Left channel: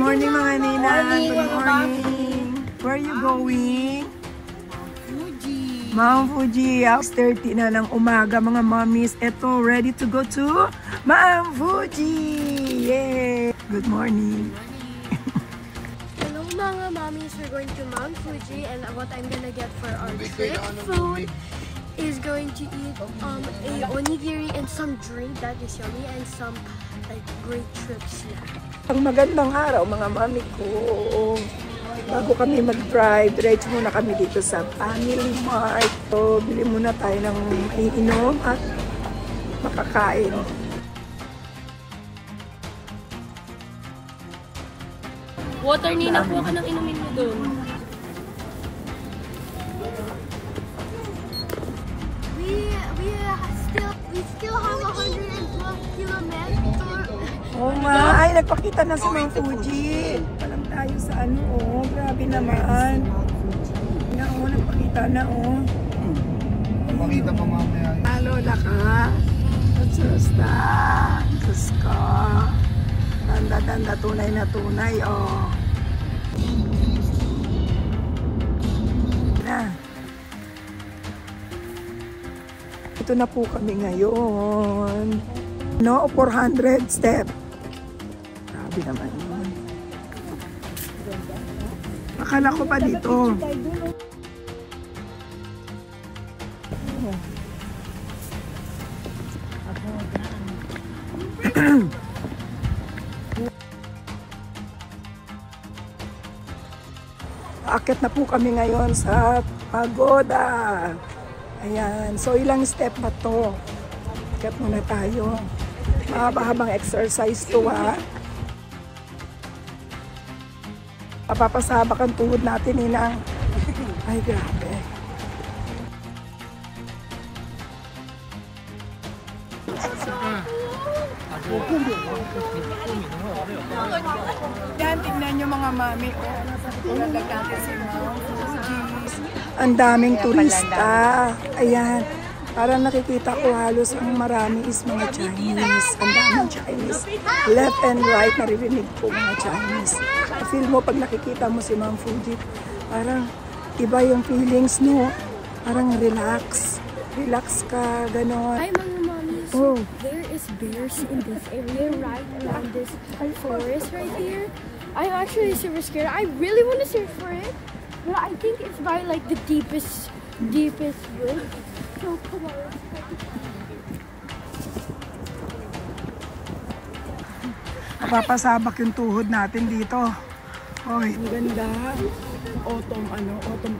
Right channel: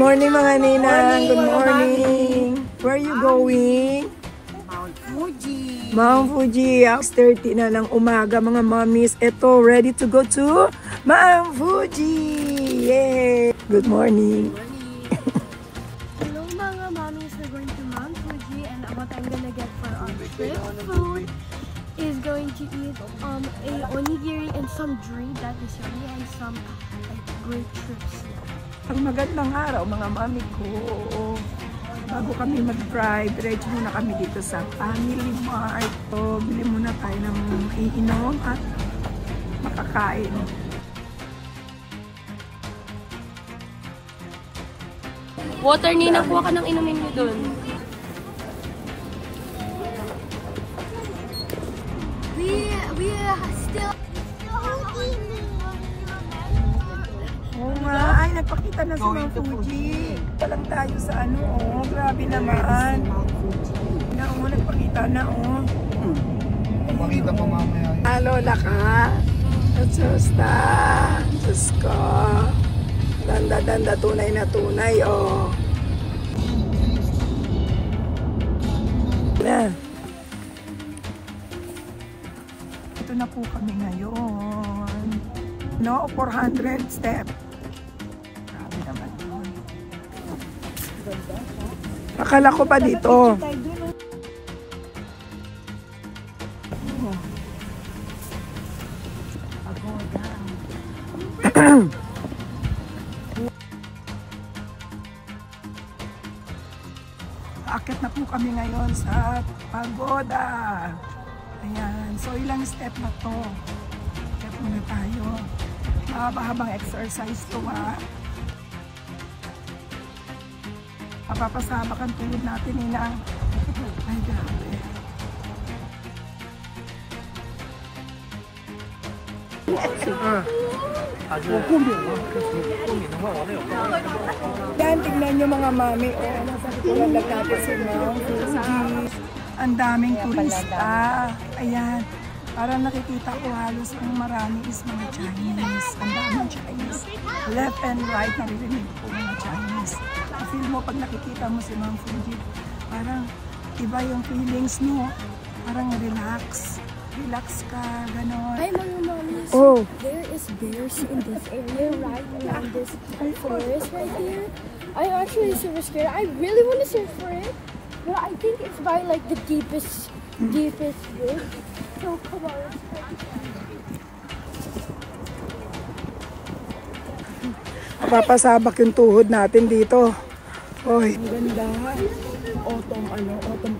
morning mga ninang. Good morning. Where are you going? Mount Fuji. Mount Fuji. 6:30 na ng umaga mga mommies. Ito, ready to go to Mount Fuji. Yay! Good morning. Hello mga mommies. We're going to Mount Fuji and what I'm gonna get for our trip food is going to eat a onigiri and some drink that is yummy and some like great trip snack. Ang magandang araw mga mami ko. Bago kami mag-drive, diretso muna kami dito sa Family Mart. So, bili muna tayo ng iinom at makakain. Water, Nina, kuha ka ng inumin mo dun. We still have 112 kilometers. Oh my, nagpakita na sa Mount Fuji. Palang tayo sa ano, oh. Grabe naman. Yan, oh, nagpakita na, oh. Makita pa mamaya. Lola ka. Kasusta. Diyos ko. Danda-danda, tunay na tunay, oh. Na. Ito na po kami ngayon. No, 400 step. Grabe naman yun. Akala ko pa dito. Akit na po kami ngayon sa pagoda. Ayan. So, ilang step na to? Akit muna tayo. Mahaba-habang exercise to, ha. Papapasabak ang tuhod natin, Ninang. Ay, grabe. Yan, tingnan nyo mga mami. Nasa katulang natin si Mount Fuji. Ang daming turista. Ayan. Parang nakikita ko halos ang marami is mga Chinese. Ang daming Chinese. Left and right, naririnig ko mga Chinese. Feel mo pag nakikita mo si Mount Fuji, parang iba yung feelings, no? Parang relax. Relax ka, gano'n. Hi mga mommies. Oh. There is bears in this area right around this forest right here. I'm actually super scared. I really want to search for it. But I think it's by like the deepest wood. So come on, let's try to find it. Papasabak yung tuhod natin dito. Oy, ang ganda. Autumn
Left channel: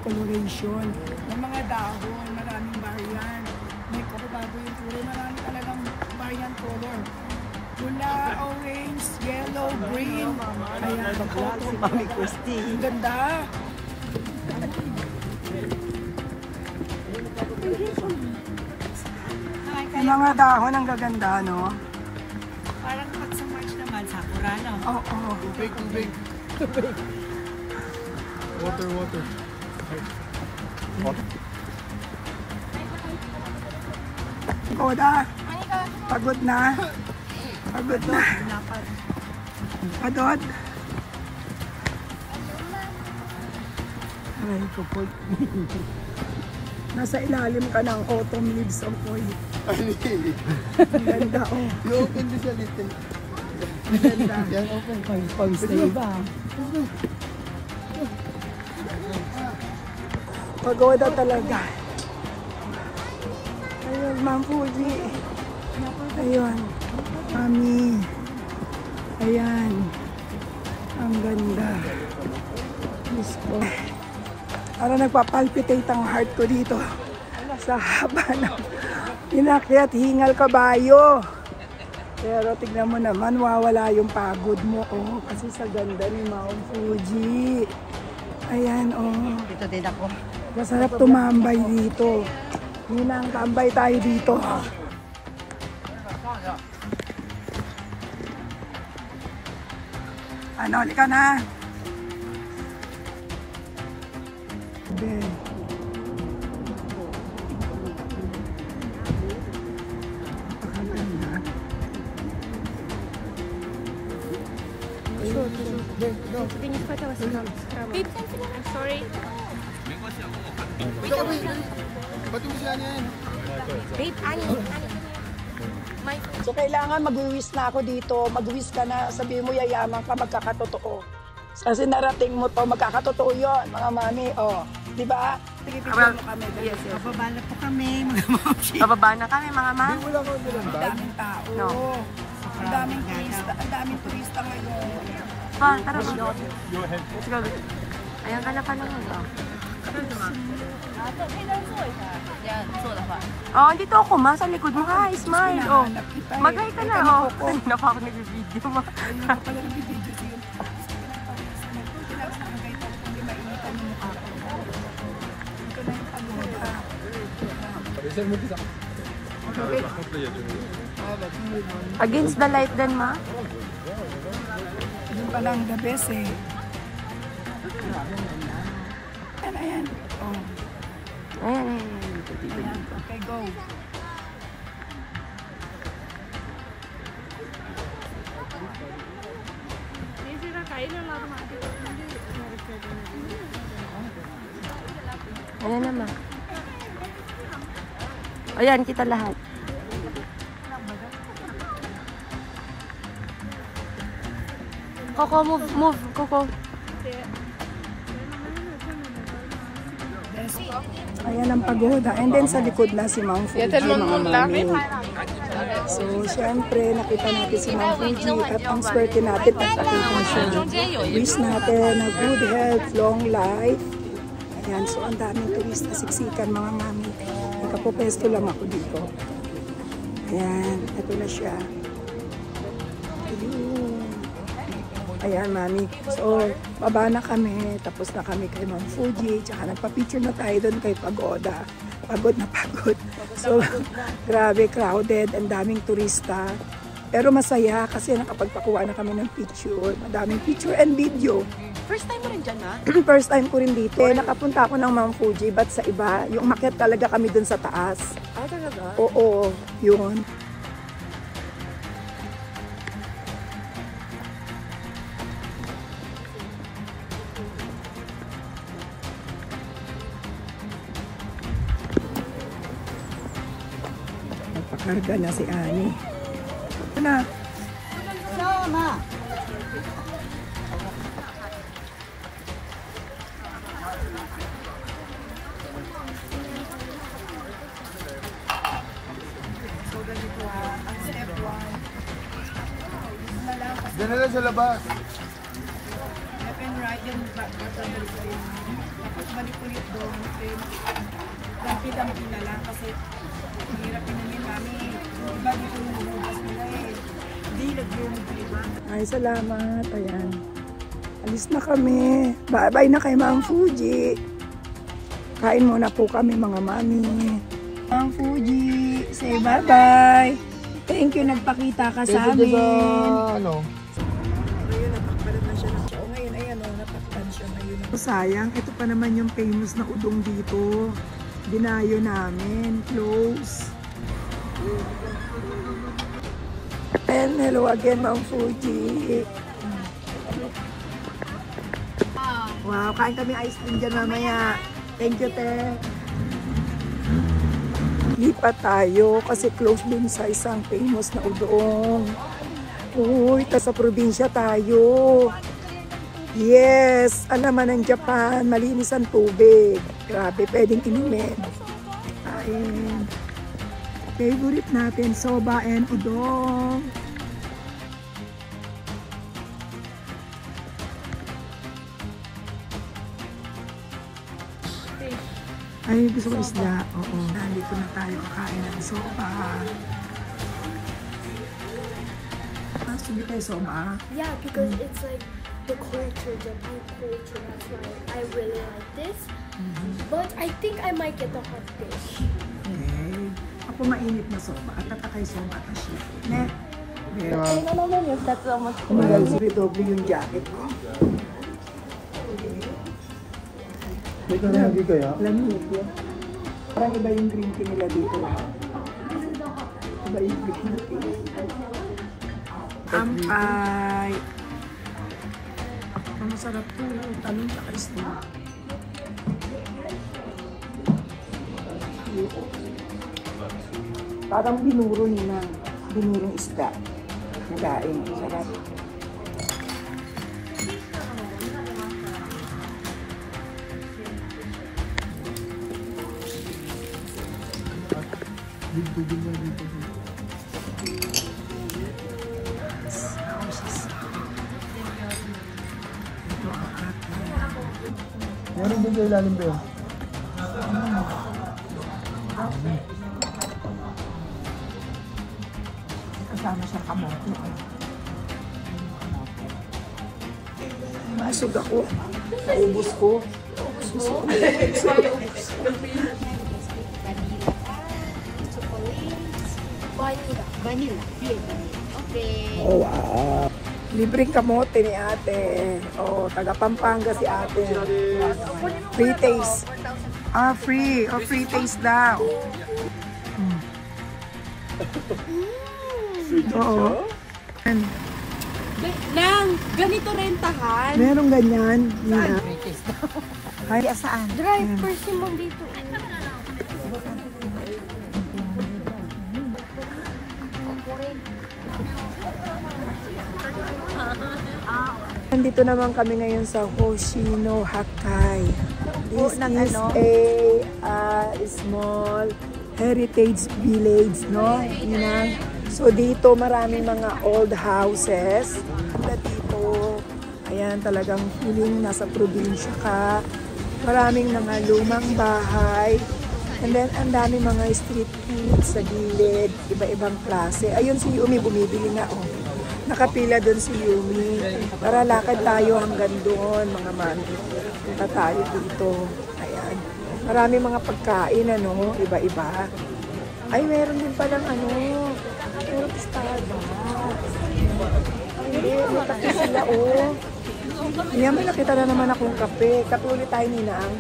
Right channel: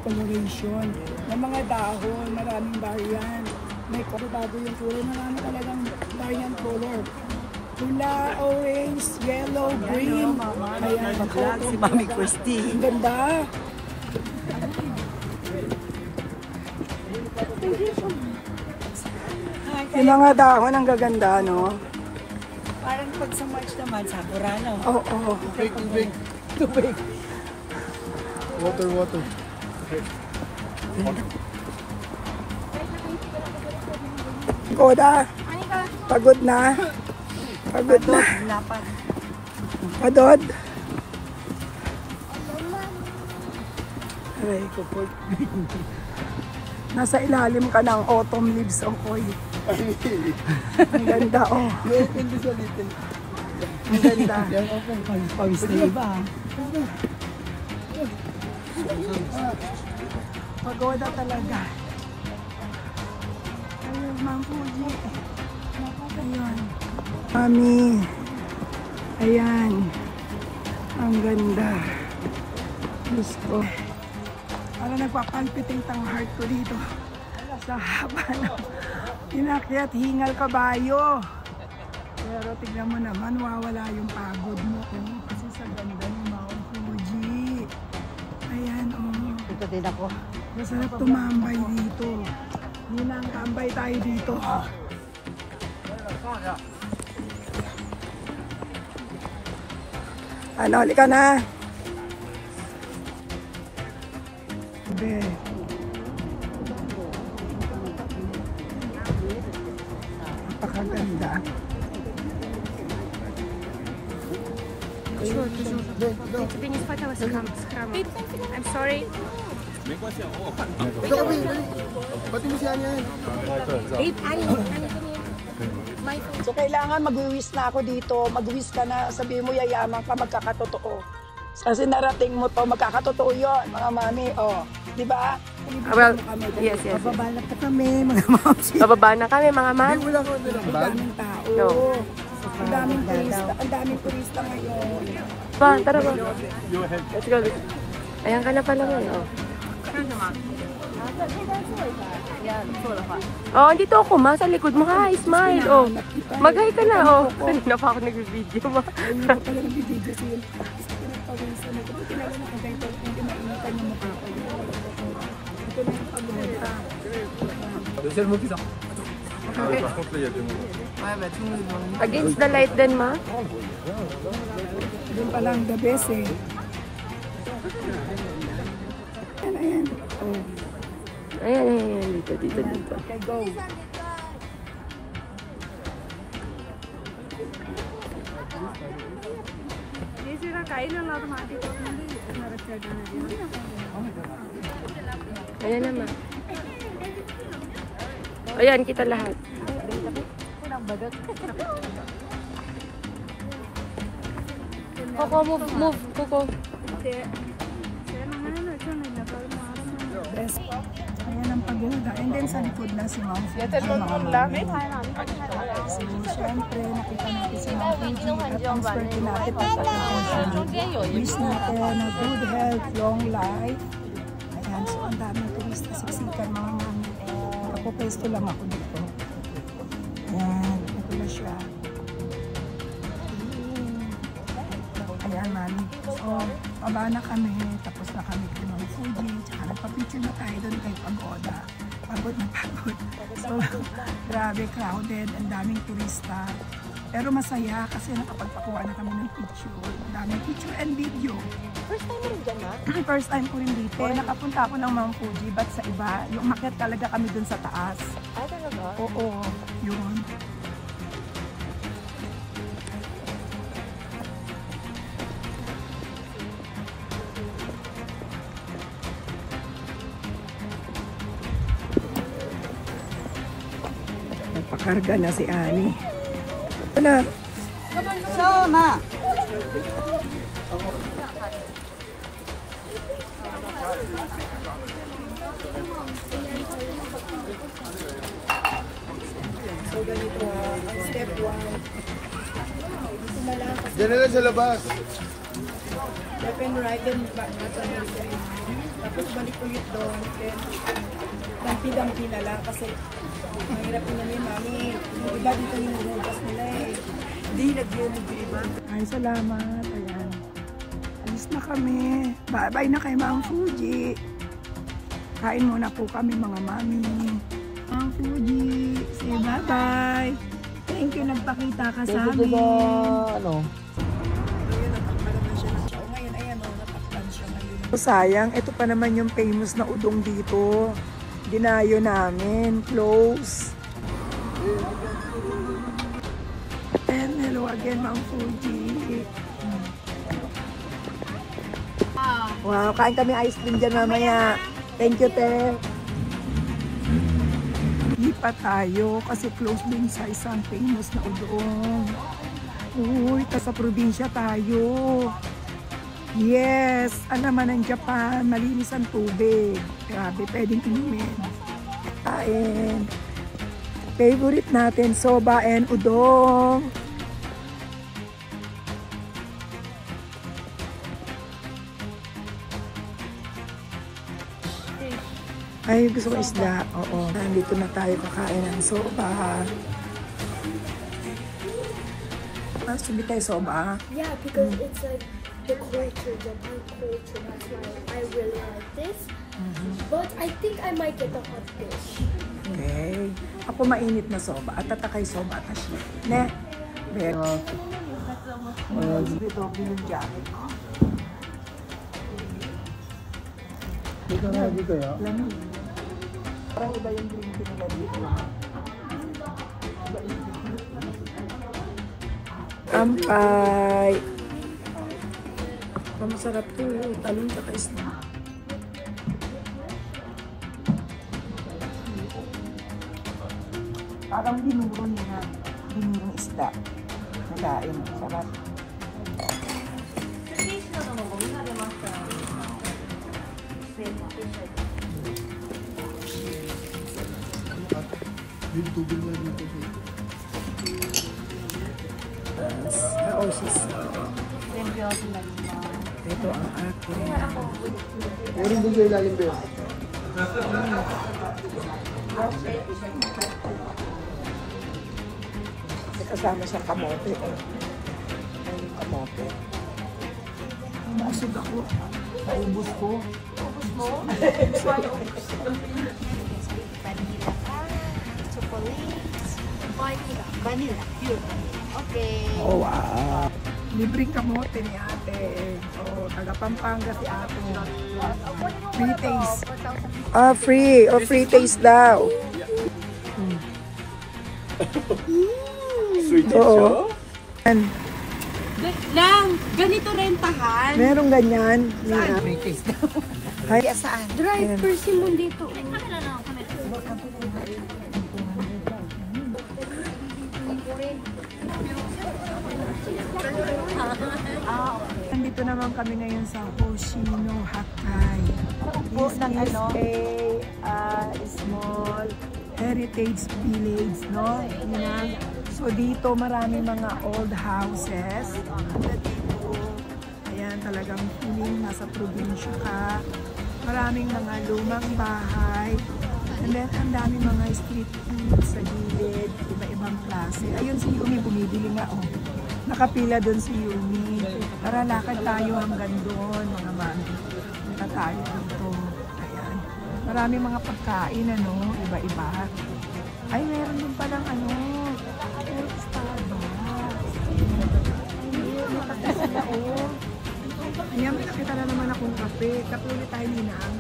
coloration. Ng mga dahon, maraming variant. May kuribado yung kulay. Marami talagang variant color. Mula orange, yellow, green. Ayan, autumn. Ang ganda. Yung mga dahon ang gaganda, no? Parang pag sa March naman, sakura, no? Oo. Tubig. Water. Koda, pagod na. Padod. Aray ko po. Nasa ilalim ka ng autumn leaves, okoy. Ang ganda, oh. You open this a little. Ang ganda. Yan, open. Pawis na iba. Pagoda talaga. Ayun, Mount Fuji. Ayun. Mami. Ayan. Ang ganda. Diyos ko. Para nagpapalpitate ang heart ko dito. Sa haba ng inakyat hingal kabayo. Pero tignan mo naman, wawala yung pagod mo. Oh, kasi sa ganda ni Mount Fuji. Ayan, oh. Ito din ako. Masarap tumambay dito. Ninang, tambay tayo dito. Ano, halika na. Be. Napakaganda. Be, ikaw. I'm sorry. Ikaw, Be. Ba't mo si Anya yan? Babe, Annie. So kailangan mag-wish na ako dito. Mag-wish ka na, sabihin mo yayaman ka, magkakatotoo. Kasi narating mo to, magkakatotoo yun, mga mami. O, di ba? Well, yes. Bababa na po kami, mga mami. Bababa na kami, mga ma'am. Ang daming tao. No. Ang daming turista ngayon. Pa, tara ba? Let's go. Ayan ka na pala ngayon. Oh. Oh, andito ako, ma. Sa likod mo. Hi, smile. Oh. Mag-hi ka na, oh. Kanina pa ako nag-video, ma. Against the light din, ma. Doon pala yung the best eh. Ayan, ayan. Dito. Okay, go. Ayan naman. Ayan, kita lahat. Coco, move, Coco. Ayan ang pagoda. And then sa likod na si Ma'am Fuji, mga mami. So, syempre, nakita natin si Ma'am Fuji at ang swerte natin at nakita siya. Wish natin na good health, long life. Ayan, so ang daming turista, siksikan, mga mami. Nakapopesto lang ako dito. Ayan, ito na siya. Ayan, mami. So, baba na kami. Tapos na kami kay Ma'am Fuji. Tsaka nagpa-picture na tayo doon kay Pagoda. Pagod na pagod. So, grabe, crowded. Ang daming turista. Pero masaya kasi nakapagpakuha na kami ng picture. Madaming picture and video. First time mo rin dyan, ha? First time ko rin dito. Nakapunta ako ng Ma'am Fuji, but sa iba. Yung makyat talaga kami doon sa taas. Ay, talaga? Oo, yun. Karga na si Annie. Ano? So ganito ang step 1. Dito na lang kasi Diyan na lang sa labas. left and right, then back na sa tapos balik ulit doon. Then dampi-dampi na lang kasi mahirap pinamin, mami. Diba dito yung hugas nila eh. Hindi nag-gilid. Ay, salamat. Ayan. Alis na kami. Bye-bye na kay Ma'am Fuji. Kain muna po kami, mga mami. Ma'am Fuji, say bye-bye. Thank you, nagpakita ka sa amin. Ano? Ngayon, napakkaroon na siya ng show. Ngayon, ayan o, napaktan siya ngayon. Sayang, ito pa naman yung famous na udong dito. Dinayo namin. Close. And hello again, Ma'am Fuji. Wow, kain kami ice cream dyan mamaya. Thank you, te. Lipat tayo kasi close din sa isang famous na udong. Uy, sa probinsya tayo. Yes, alaman ng Japan, malinis ang tubig. Grabe, pwedeng inumin. Kain. Favorite natin, soba and udong. Ay, gusto ko isda. Oo. Nandito na tayo kakain ng soba. Sabi tayo soba? Yeah, because it's like the culture, Japan culture. That's why I really like this. But I think I might get the hot dish. Okay. Ako mainit na soba. At tatakay soba at asli. Ne? Pero, umagal sa doble yung jacket ko. Hindi kaya? Lamig yun. Parang iba yung green tea nila dito. Iba yung green tea. Ampay! Masarap to. Talong tsaka isda. Parang binuro nila. Binurong isda. Nadain. Sarap. Dito. Ito ang akin. Meron din sa ilalim doon. Kasama siyang kamote. Ayun yung kamote. Masog ako. Naubos ko. Vanilla. Okay. Oh, wow. Libreng kamote ni ate. Oh, taga Pampanga si ate. Free taste. Ah, free. Oh, free taste daw. Oo. Lang, ganito rentahan. Merong ganyan. Yeah. Hi. Saan? Drive person mo dito. Nandito naman kami ngayon sa Hoshino Hakkai. This is a small heritage village, no? Inang. So dito maraming mga old houses. Dito, ayan talagang feeling nasa probinsya ka. Maraming mga lumang bahay. And then ang daming mga street food sa gilid, iba-ibang klase. Ayun si Yumi bumibili na, oh. Nakapila doon si Yumi. Tara, lakad tayo hanggang doon, mga mami. Punta tayo dito. Ayan. Marami mga pagkain, ano, iba-iba. Ay, meron din palang, ano, meron Starbucks. Ay, hindi, may kape sila, oh. Ayan, may nakita na naman akong kape. Kape ulit tayo, Ninang.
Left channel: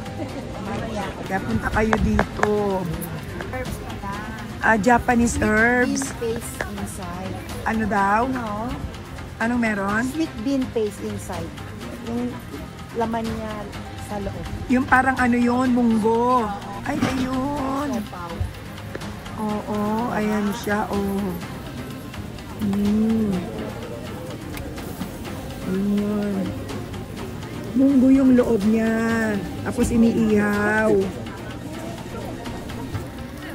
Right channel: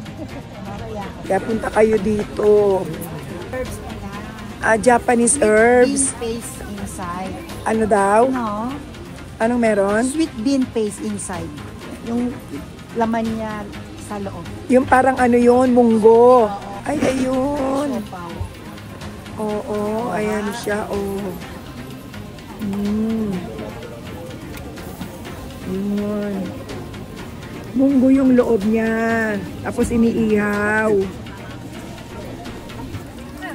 Kaya punta kayo dito. Herbs na lang. Japanese herbs. Bean paste inside. Ano daw? No? Anong meron? Sweet bean paste inside. Yung laman niya sa loob. Yung parang ano yun, munggo. Ay, ayun. Oo, ayan siya, oh. Yun. Munggo yung loob niya. Tapos iniihaw.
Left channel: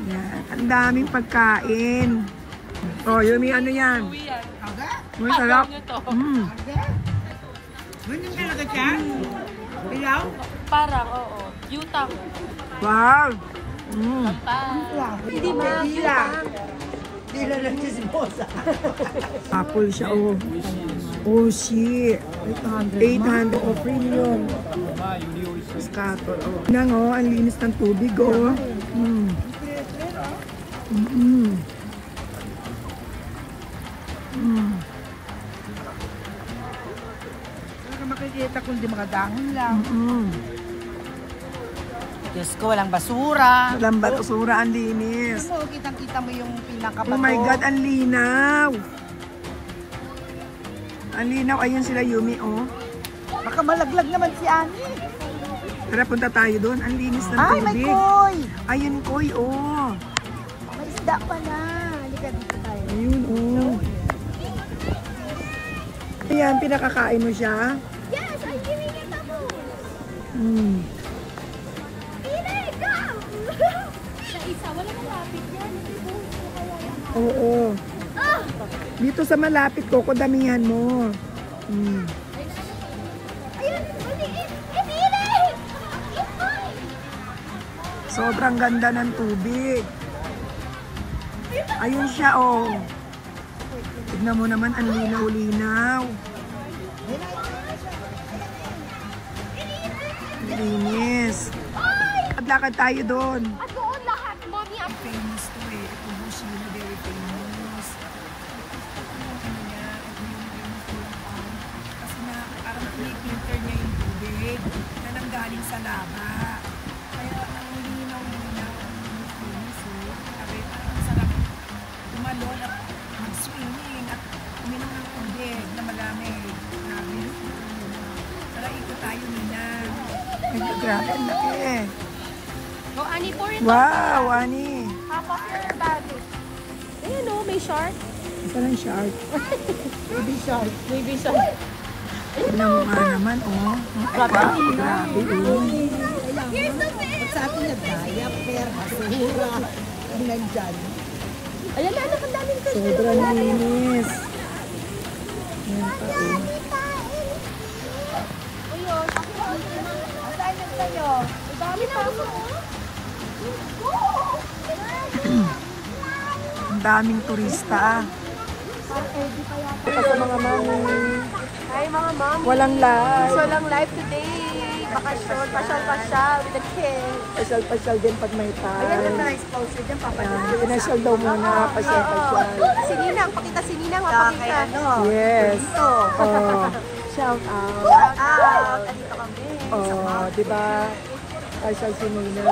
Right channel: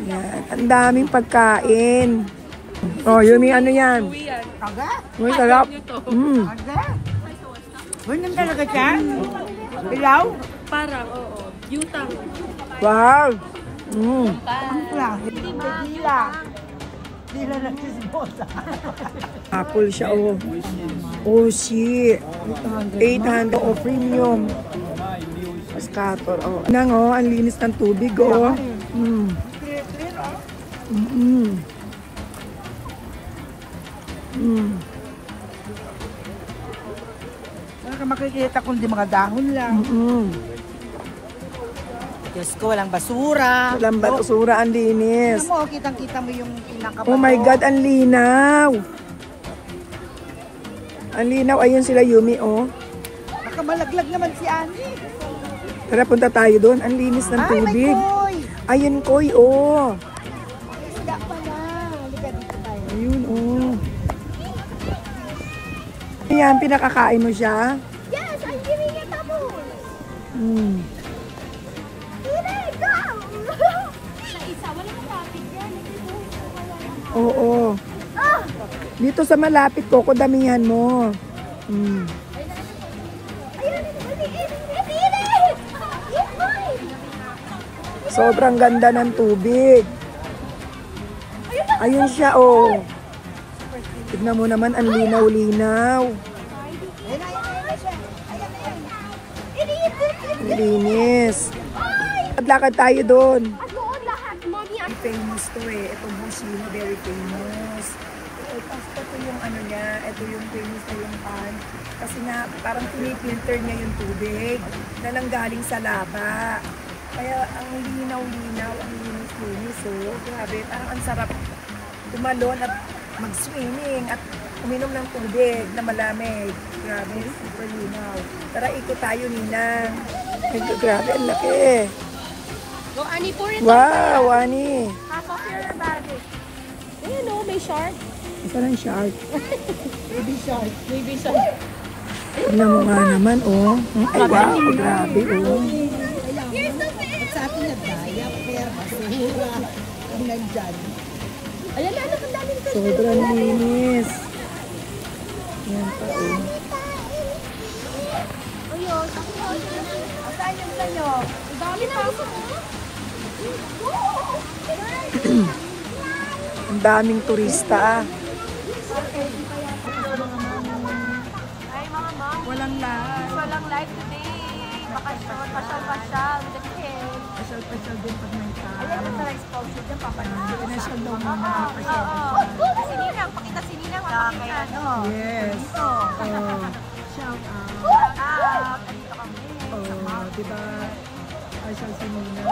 Yan. Ang daming pagkain. Oh, yun yung ano yan. Taga? Uy, sarap. Ganyan talaga siya? Pilaw? Parang, oo. Yutang. Wow. Hindi ba? Dila ng chismosa. Apple siya, oh. Oh, shit. 800. Oh, premium. Scatter, oh. Nang, oh, ang linis ng tubig, oh. Saan ka makikita kundi mga dahon lang? Diyos ko, walang basura. Walang basura, ang linis. Ano mo, kitang-kita mo yung pinakabaho. Oh my God, ang linaw. Ang linaw, ayun sila Yumi, oh. Baka malaglag naman si Ani. Tara, punta tayo doon. Ang linis ng Ay, may tubig. koy. Ayun, koy, oh. May isda pala. Halika dito tayo. Ayun, oh. Ayan, pinakakain mo siya. Yes, I'm giving it a bowl. Eat it, go! Oo. Dito sa malapit ko, damihan mo. Ayun, eat it! Eat mine! Sobrang ganda ng tubig. Ayun siya, oh. Tignan mo naman, ang linaw-linaw. Ang linis. Lakad tayo doon. Famous to eh. Itong Hoshino, very famous. Ito yung ano niya, ito yung famous na yung pan. Kasi nga, parang pinipilter niya yung tubig na nanggaling sa laba. Kaya ang linaw-linaw, ang linis-linis. Oh, grabe, parang ang sarap tumalon at mag-swimming at uminom ng tubig na malamig. Grabe, super linaw. Tara Dito tayo, Nina. Ay, grabe, ang laki. Wow, Ani. Ayan o, may shark. Isa lang shark. Baby shark. Tignan mo nga naman, oh. Ay, wow, grabe, oh. Sa atin nagdaya, pero basura. Ang nandyan. Ayan na, anak, ang daming fish. Sobrang linis. Yan pa, oh. Ang daming turista. Hi mga mom. Walang live. Walang live today. Bakasyon, pasyal-pasyal with the kids. Pasyal-pasyal din pag may tao. Ayan na na-exposure dyan, papalit. Pinasyal daw muna. Pasyal-pasyal. Si Ninang, pakita si Ninang, mapakita. Yes. Dito. Shout out. Shout out. Andito kami. Oh, diba? Pasyal si Nina.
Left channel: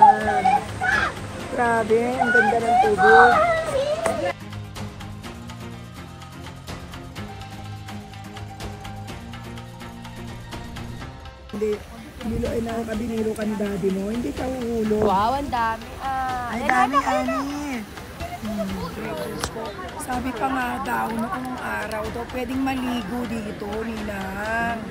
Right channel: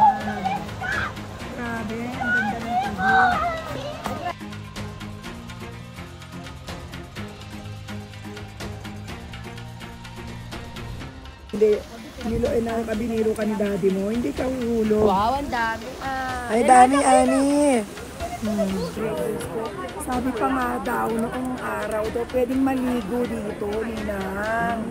Grabe, ang ganda ng tubig. Hindi, nakakabiniro ka ni daddy mo, hindi ka uhulog. Wow, ang dami. Ay, dami, Ani. Sabi pa nga daw, noong araw daw, pwedeng maligo dito, Ninang.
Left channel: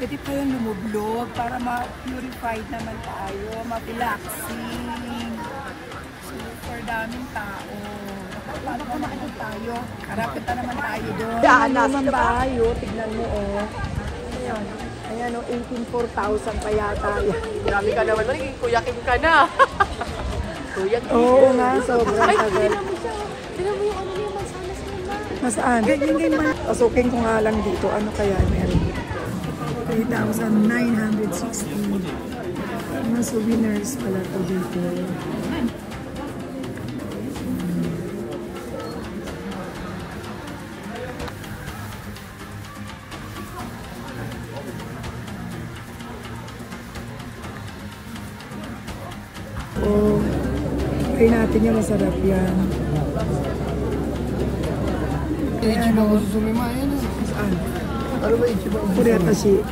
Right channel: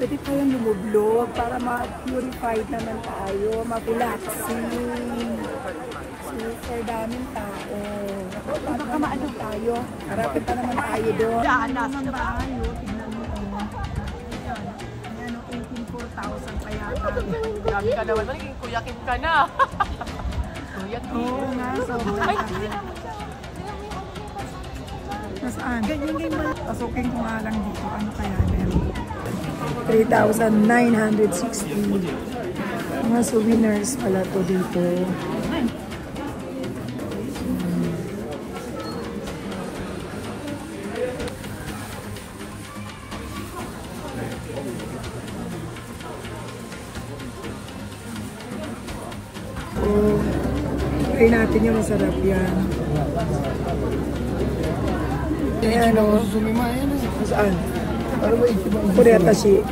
Pwede pa yung lumublog para ma-purified naman tayo, mag-relaxing. Super daming tao. Paano naman tayo? Harapin pa naman tayo doon. Ano tayo? Tignan mo, oh. Ano yan? Ayan, oh, 18,400 pa yata. Grabe ka naman. Magiging Kuya Kim ka na. Kuya Kim. Oo nga, sobrang Ay, tagal. tinan mo siya. Tinan mo yung ano niya, mansanas niya na. Nasaan? Pasukin ko nga lang dito. Ano kaya meron dito? 3,960. Mga souvenirs pala to dito. Oh, try natin yung masarap yan. Ayan o. Saan? Ano ba yung iba? Kuretashi.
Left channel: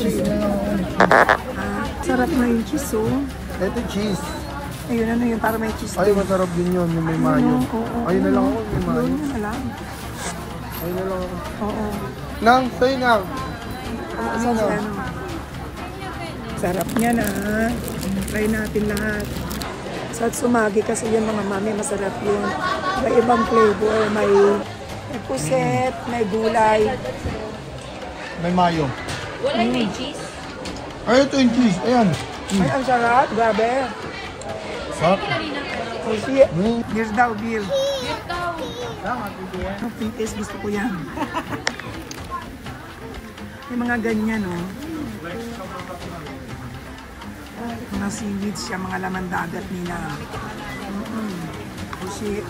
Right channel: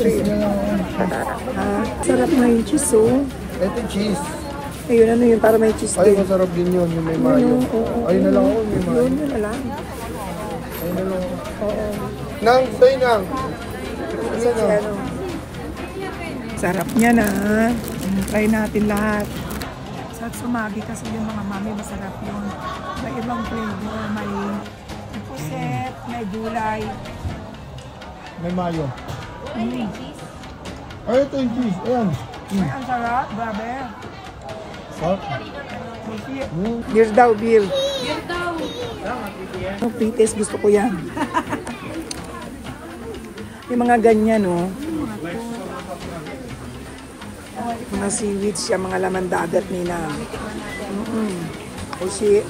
Cheese na lang. Sarap na yung cheese, oh. Ito cheese. Ayun, ano yun? Para may cheese Ay, din. masarap din yun. Yung may Ano? mayo. Oo. Ayun na lang. Yung mayo. Yun na lang. Ayun na lang. Oo. Nang, sa'yo nang. Saan si ano? Sarap niya na. Try natin lahat. Sa sumagi kasi yun mga mami, masarap yun. May ibang flavor. May puset, may gulay. May mayo. Wala may cheese. Ay, ito yung cheese. Ayan. Ay, ang sarap. Grabe. Sarap. Oh, si beer daw, beer. Beer daw. Ang pites, gusto ko yan. Yung mga ganyan, oh. Mga seaweeds siya, mga laman dagat nila. Oshi.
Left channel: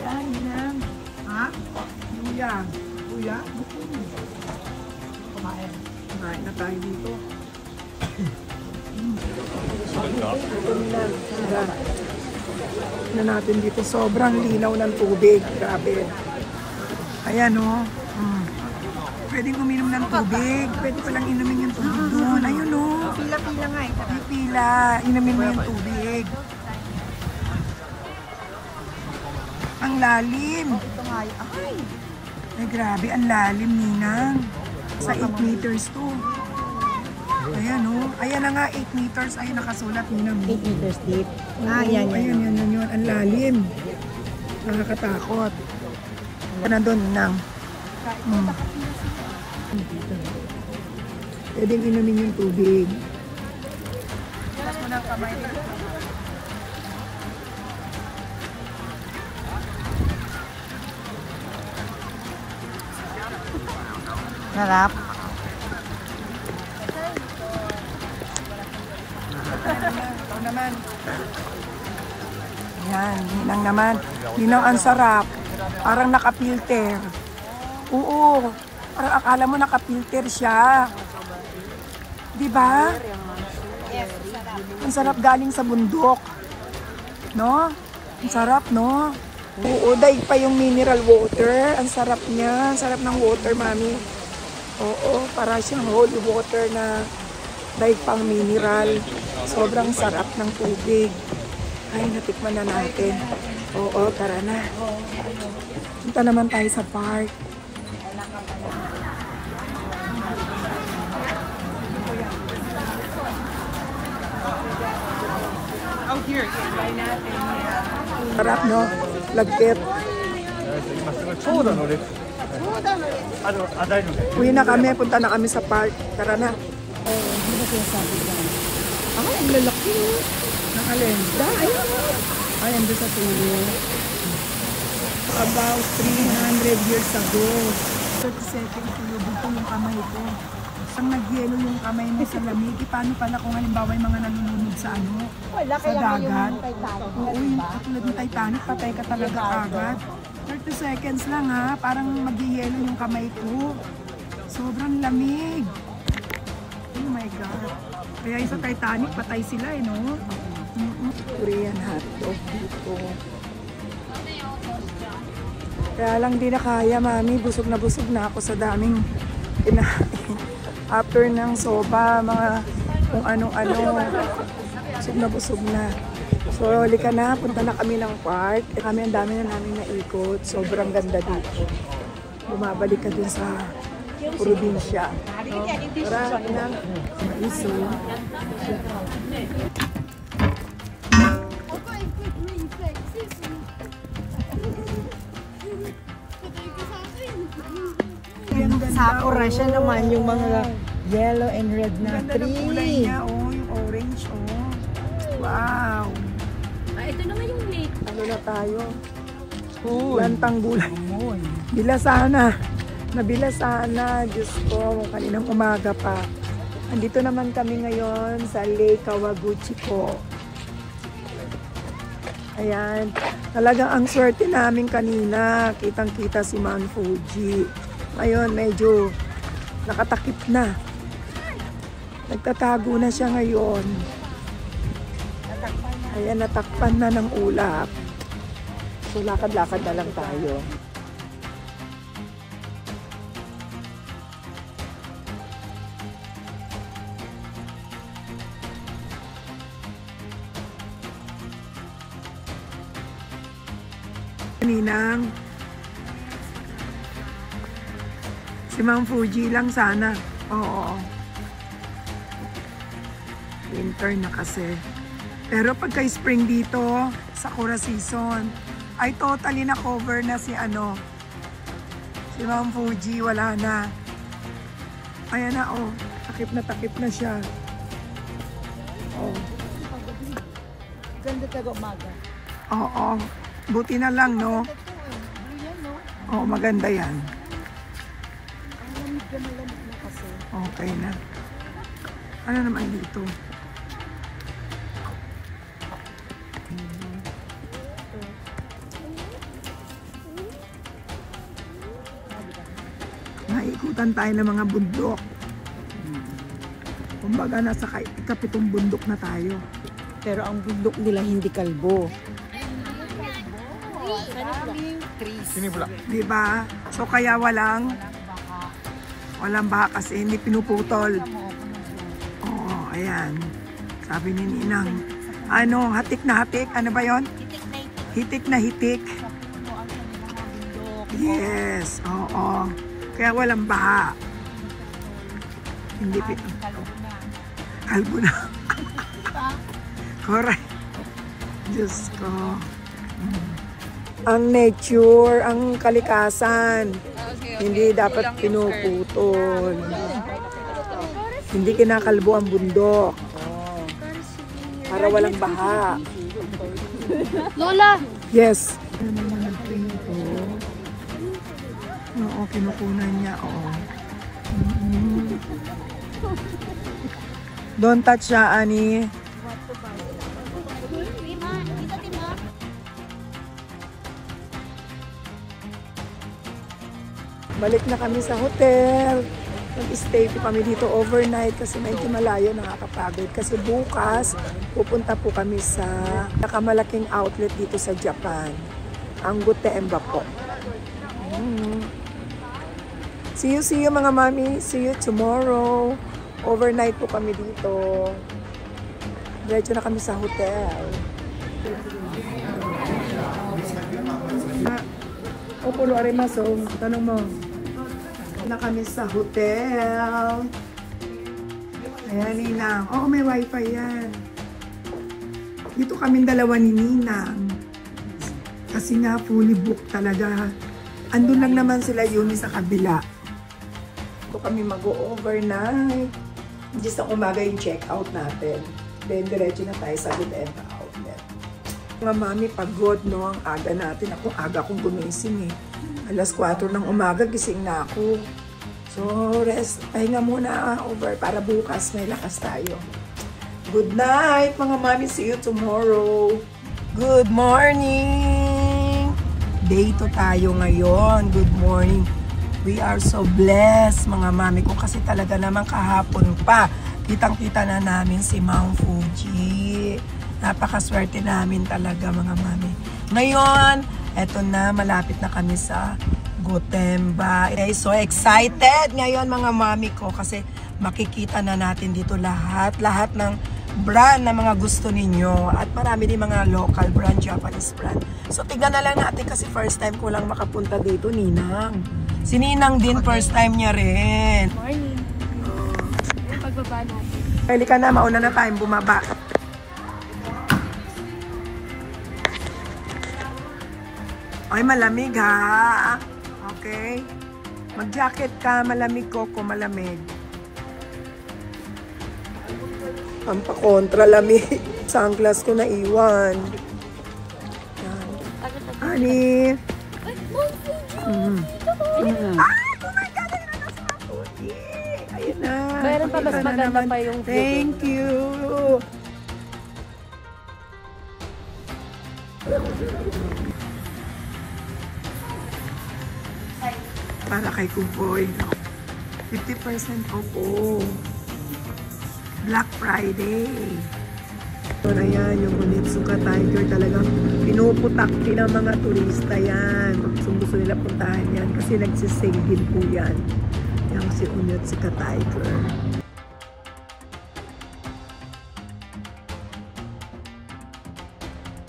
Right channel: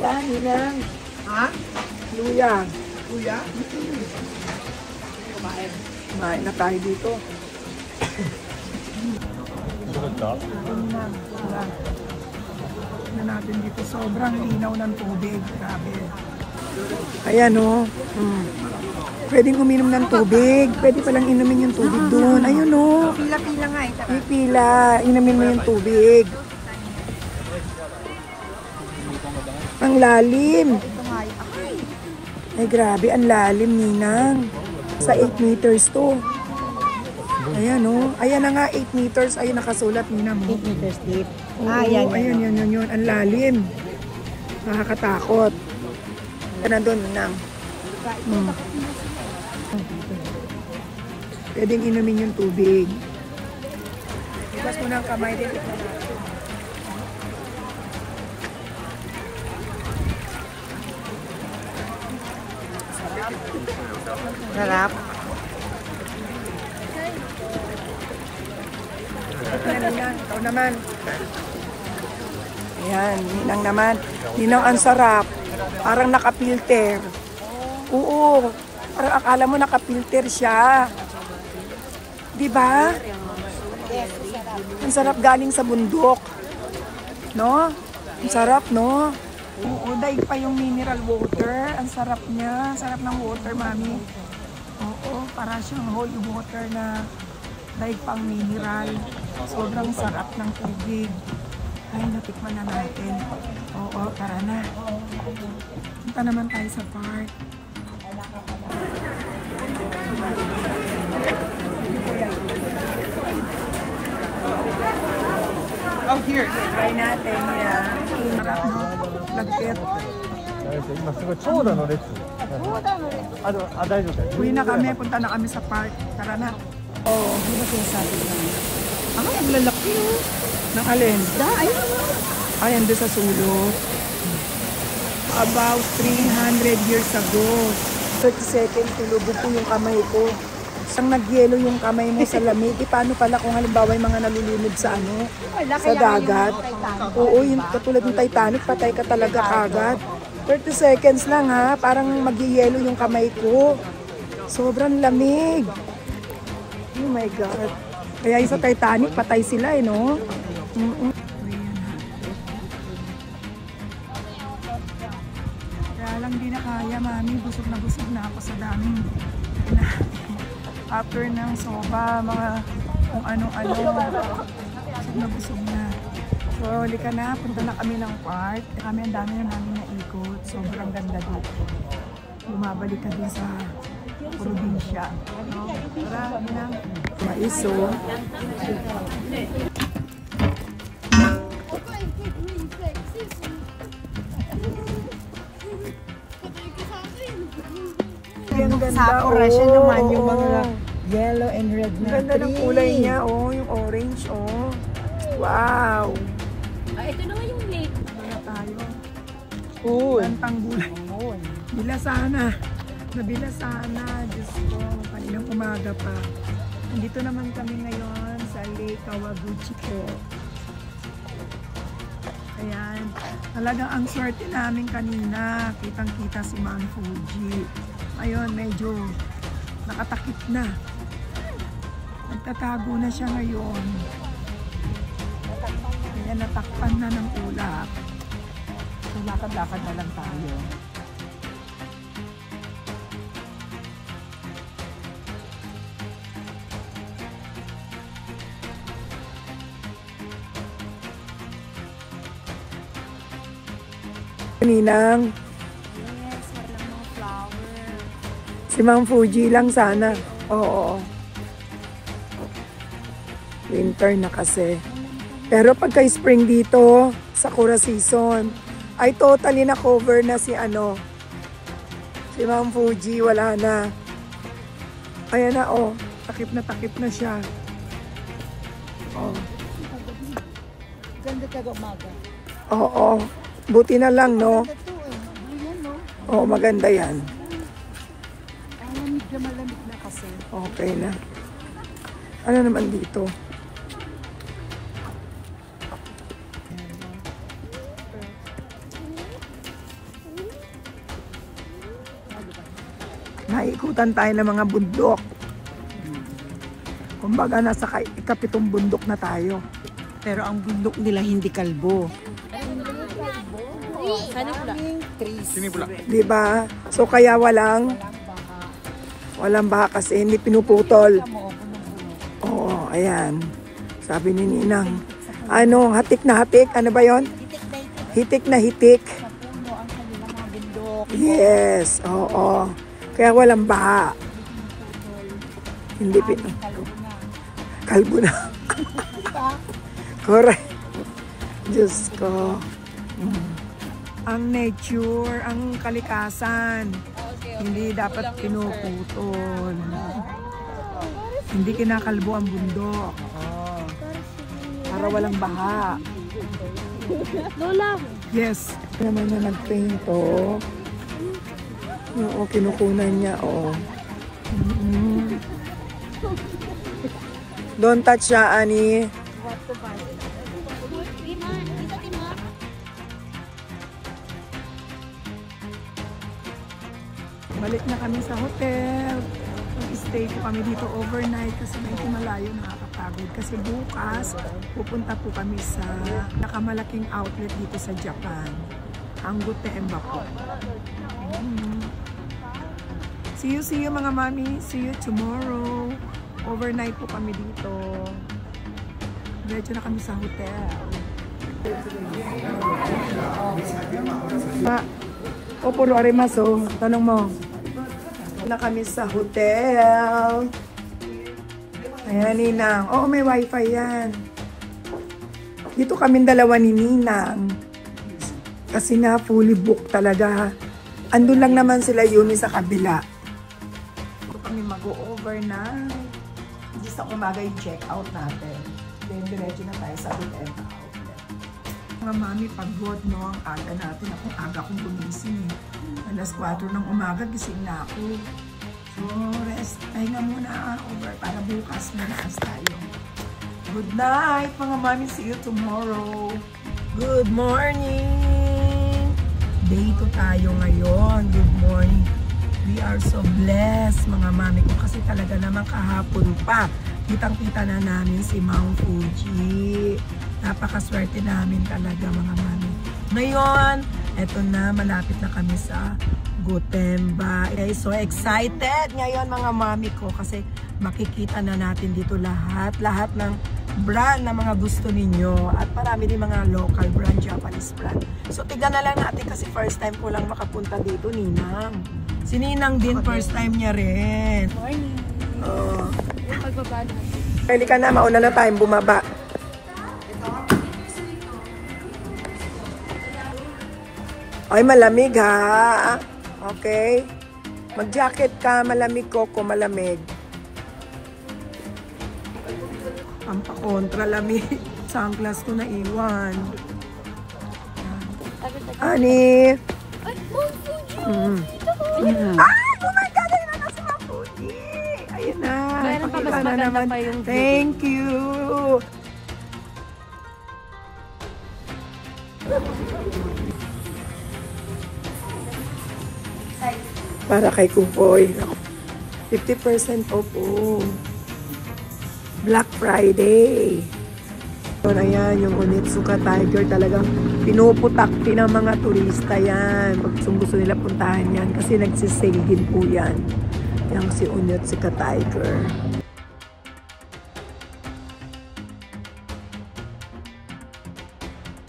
Yan, Ninang. Ha? Luya. Kuya? Kumain na tayo dito. Ito, Ninang. Diba? Na natin dito. Sobrang linaw ng tubig. Grabe. Ayan, oh. Pwedeng uminom ng tubig. Pwede palang inumin yung tubig doon. Ayun, oh. Pipila. Inumin mo yung tubig. Ang lalim. Ito nga yun. Ay, grabe. Ang lalim, Ninang. Sa 8 meters to. Ayan, oh. Ayan na nga, 8 meters. Ayan, nakasulat, Ninang. 8 meters deep. Yan. Ang lalim. Nakakatakot. Ka na doon, Ninang. Pwedeng inumin yung tubig. Ipas mo ng kamay din. Sarap. Ito naman. Ayan, Ninang naman. Ninang, ang sarap. Parang nakapilter. Oo. Parang akala mo nakapilter siya. Diba? Ang sarap galing sa bundok. No? Ang sarap, no? Oo, daig pa yung mineral water. Ang sarap niya. Ang sarap ng water, mami. Oo, para siyang holy water na daig pang mineral. Sobrang sarap ng tubig. Ay, natikman na natin. Oo, tara na. Punta naman tayo sa park. Try natin yan. Sarap, no? Lagkit. Uwi na kami, punta na kami sa park. Tara na. Ang lalaki. Naalala mo? Ay, ang doon sa sumunod. About 300 years ago. 30 seconds, tulubog ko yung kamay ko. Isang nagyelo yung kamay mo sa lamig. Paano pala kung halimbawa yung mga nalulunod sa ano? Sa dagat? Oo, yung katulad ng Titanic, patay ka talaga kagad. 30 seconds lang ha, parang magyelo yung kamay ko. Sobrang lamig. Oh my God. Kaya yung sa Titanic, patay sila eh, no? Korean hotdog. Kaya lang di na kaya, mami. Busog na ako sa daming kinain. After ng soba, mga kung anong-ano. Busog na. So, halika na. Punta na kami ng park. Kami ang dami na namin naikot. Sobrang ganda dito. Bumabalik ka dun sa probinsya. No? Tara, inang. Maiso. Sakura siya naman yung mga yellow and red na ganda ng kulay niya, oh, yung orange, oh. Wow! Ito naman yung lake. Ano na tayo? Lantang gulay. Bila sana. Nabila sana. Diyos ko, kaninang umaga pa. Andito naman kami ngayon sa Lake Kawaguchi po. Ayan. Talagang ang swerte namin kanina. Kitang-kita si Mount Fuji. Ngayon, medyo nakatakip na. Nagtatago na siya ngayon. Ayan, natakpan na ng ulap. So, lakad-lakad na lang tayo. Ninang. Si Mount Fuji lang sana. Oo. Winter na kasi. Pero pagka spring dito, Sakura season, ay totally na cover na si ano. Si Mount Fuji, wala na. Ayan na, oh. Takip na siya. Oh. Ganda taga umaga. Oo. Buti na lang, no? Oo, maganda yan. Okay na. Ano naman dito? Naikutan tayo ng mga bundok. Kumbaga, nasa ikapitong bundok na tayo. Pero ang bundok nila hindi kalbo. Diba? So, kaya walang baha kasi hindi pinuputol. Oo, ayan. Sabi ni Ninang. Ano, hatik na hatik? Ano ba yon? Hitik na hitik. Yes, oo. Kaya walang baha. Hindi kalbo na. Correct. Diyos ko. Ang nature, ang kalikasan, hindi dapat pinuputol. Hindi kinakalbo ang bundok. Para walang baha. Lola! Yes. Naman niya nag-paint, oh. Oo, kinukunan niya, oh. Don't touch siya, Ani. Balik na kami sa hotel. Nag-stay po kami dito overnight kasi medyo malayo, nakakapagod. Kasi bukas, pupunta po kami sa nakamalaking outlet dito sa Japan. Ang Gotemba po. See you mga mami. See you tomorrow. Overnight po kami dito. Diretso na kami sa hotel. Pupulo rin maso. Tanong mo. Na kami sa hotel. Ayan, Ninang. Oo, may wifi yan. Dito kami dalawa ni Ninang. Kasi nga fully booked talaga. Andun lang naman sila yun sa kabila. Dito kami mag-overnight. Just ang umaga yung check-out natin. Then, diretso na tayo sa Good End Outlet. Mga mami, pagod, no? Ang aga natin. Ako, aga kong gumising eh. Alas 4 ng umaga, gising na ako. So, rest. Pahinga muna over para bukas may lakas tayo. Good night, mga mami. See you tomorrow. Good morning! Day 2 tayo ngayon. Good morning. We are so blessed, mga mami ko. Kasi talaga naman kahapon pa. Kitang-kita na namin si Mount Fuji. Napakaswerte namin talaga, mga mami. Ngayon, eto na. Malapit na kami sa Gotemba. So excited ngayon, mga mami ko. Kasi makikita na natin dito lahat ng brand na mga gusto ninyo. At marami din mga local brand, Japanese brand. So tignan na lang natin kasi first time ko lang makapunta dito, Ninang. Si Ninang din, first time niya rin. Morning. Pagbaba natin. Pwede ka na, mauna na tayong bumaba. Ay, malamig ha. Okay. Mag-jacket ka, malamig ko, malamig. Pampakontra lamig. Sunglass ko na iwan. Ani. Ay, oh my God! Ayun na sa Mount Fuji. Ayun na. Mayroon pa, mas Pakita na maganda naman. pa yung view. Thank you. Para kay Kupoy. 50% off. Black Friday. So na yan, yung Onitsuka Tiger talagang pinuputakti ng mga turista yan. Pag gusto nila puntahan yan kasi nagsisale din po yan. Yung si Onitsuka Tiger.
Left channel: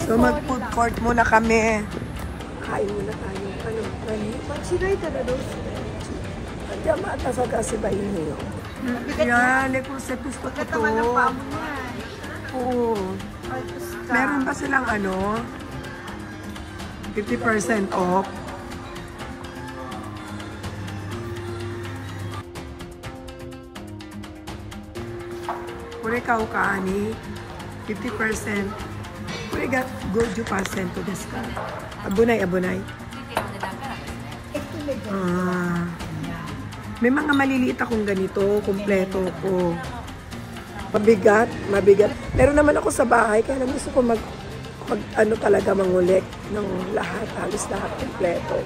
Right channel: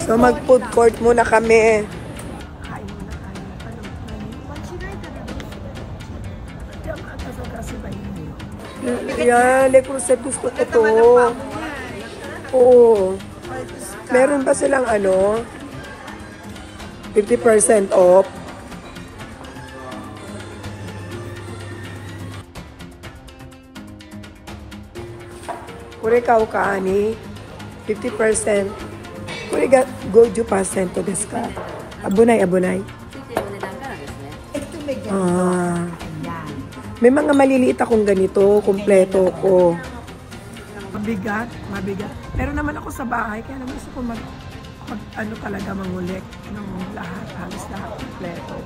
So mag-food court muna kami. Kain muna tayo. Ano? Machigai talaga daw sila. Mata sa kasi ba yun? Yan, Lecruset gusto ko to. Oo. Meron ba silang ano? 50% off? Kure ka ani 50%. Kure ga goju percent to desu ka? Abunay. May mga maliliit akong ganito, kumpleto ko. Mabigat. Pero naman ako sa bahay, kaya lang gusto ko ano talaga mangulik ng lahat, halos lahat kumpleto.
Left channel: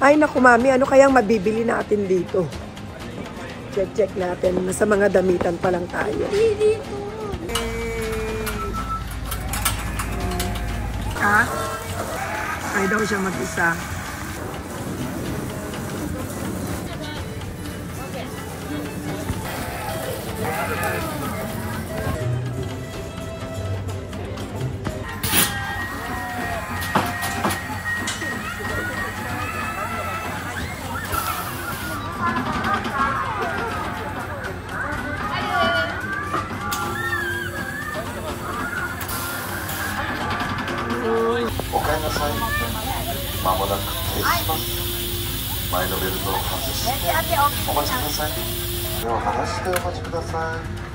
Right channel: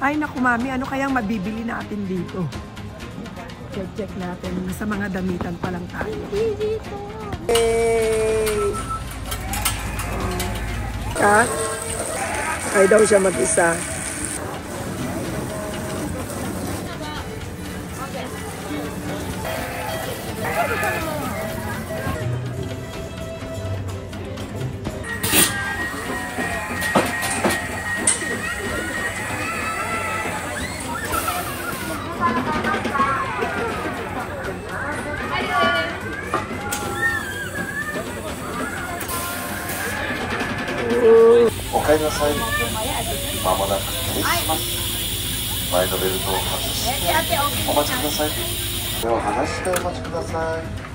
Ay naku mami, ano kayang mabibili natin dito? Check natin, nasa mga damitan pa lang tayo. Hey! Ay daw siya mag-isa.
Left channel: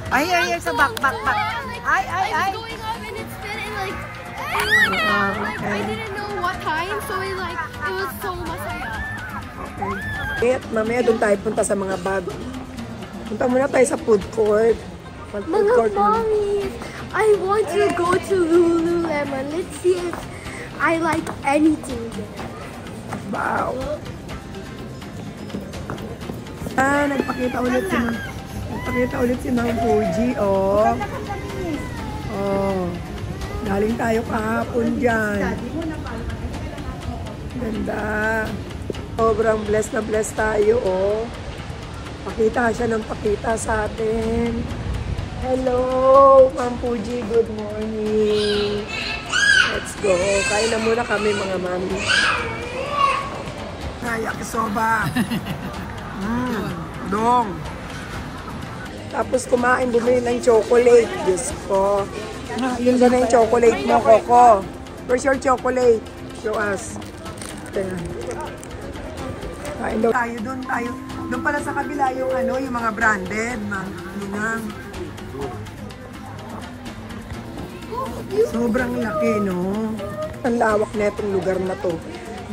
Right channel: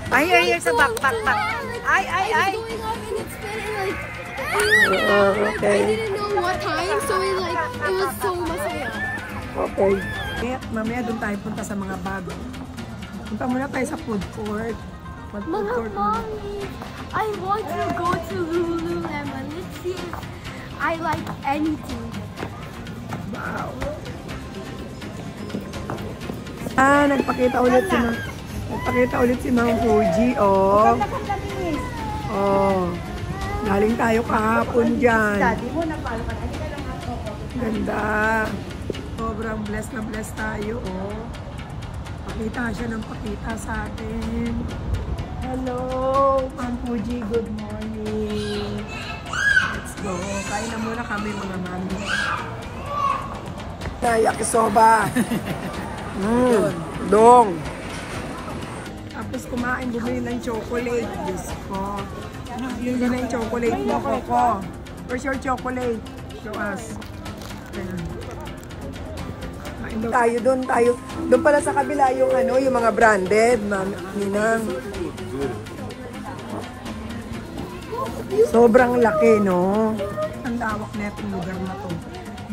Ay, sa backpack. I was going up and it spin and like Okay. I didn't know what time, so it was so masaya. Okay. Mamaya doon tayo punta sa mga bag. Punta muna tayo sa food court. Mag-food court. Mommy, I want to go to Lululemon. Let's see if I like anything there. Wow. Nagpakita ulit si Mount Fuji, oh. Oh. Galing tayo kahapon dyan. Ganda. Sobrang blessed na blessed tayo, oh. Pakita siya ng pakita sa atin. Hello, Ma'am Fuji. Good morning. Let's go. Kain na muna kami, mga mami. Yakisoba. Dong. Tapos kumain, bumili ng chocolate. Diyos ko. Yun gana yung chocolate mo, Coco. Where's your chocolate? Show us. Kain daw tayo doon. Doon pala sa kabila yung ano, yung mga branded. Ninang. Sobrang laki, no? Ang lawak na itong lugar na to.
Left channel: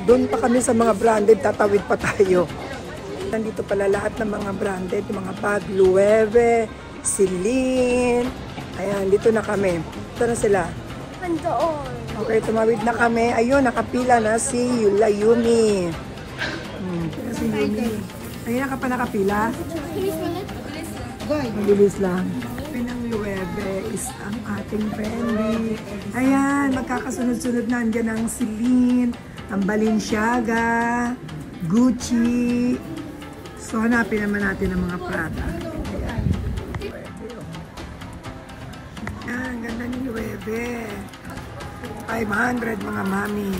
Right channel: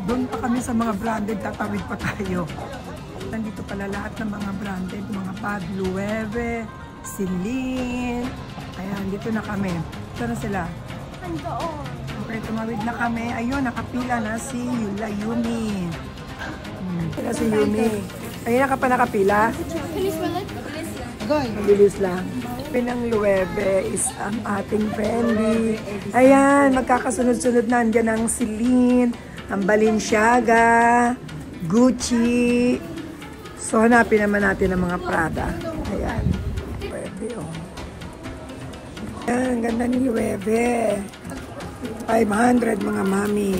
Doon pa kami sa mga branded, tatawid pa tayo. Nandito pala lahat ng mga branded, yung mga bag, Loewe, Celine. Ayan, dito na kami. Ito na sila. Andoon. Okay, tumawid na kami. Ayun, nakapila na si Yumi. Si Yumi. Ayun, ka pa nakapila? Mabilis lang. Pinang Loewe is ang ating Fendi. Ayan, magkakasunod-sunod na. Andyan ang Celine, ang Balenciaga, Gucci. So, hanapin naman natin ang mga Prada. Ayan. Ayan, ang ganda ni Loewe. 500 mga mami.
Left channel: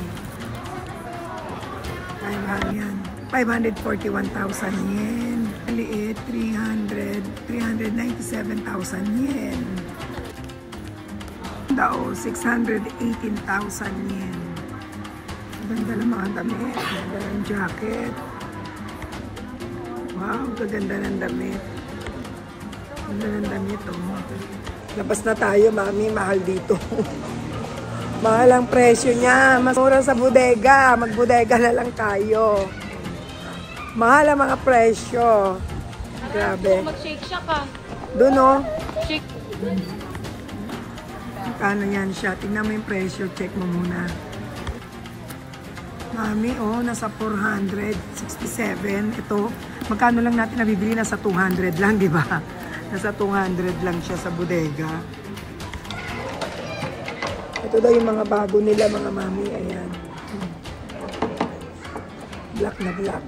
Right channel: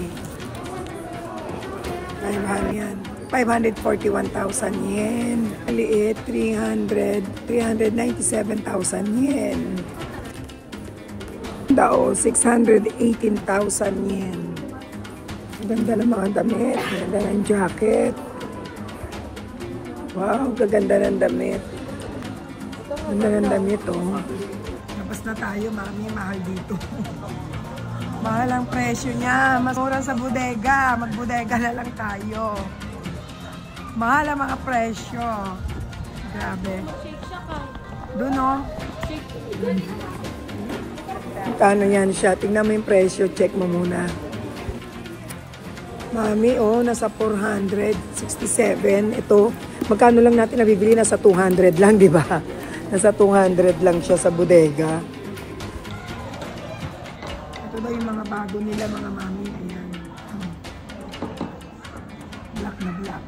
500 yan. 541,000 yen. Maliit, 397,000 yen. Dao, 618,000 yen. Ganda ng mga damit. Ganda ng jacket. Wow, gaganda ng damit. Ganda ng damit, oh. Labas na tayo, mami. Mahal dito. Mahal ang presyo niya. Mas mura sa bodega. Magbodega na lang tayo. Mahal ang mga presyo. Grabe. Mag-shake siya ka. Doon, oh. Shake. Magkano yan siya? Tingnan mo yung presyo. Check mo muna. Mami, oh, nasa 467. Ito, magkano lang natin nabibili? Nasa 200 lang, di ba? Nasa 200 lang siya sa bodega. Ito daw yung mga bago nila, mga mami. Ayan. Black na black.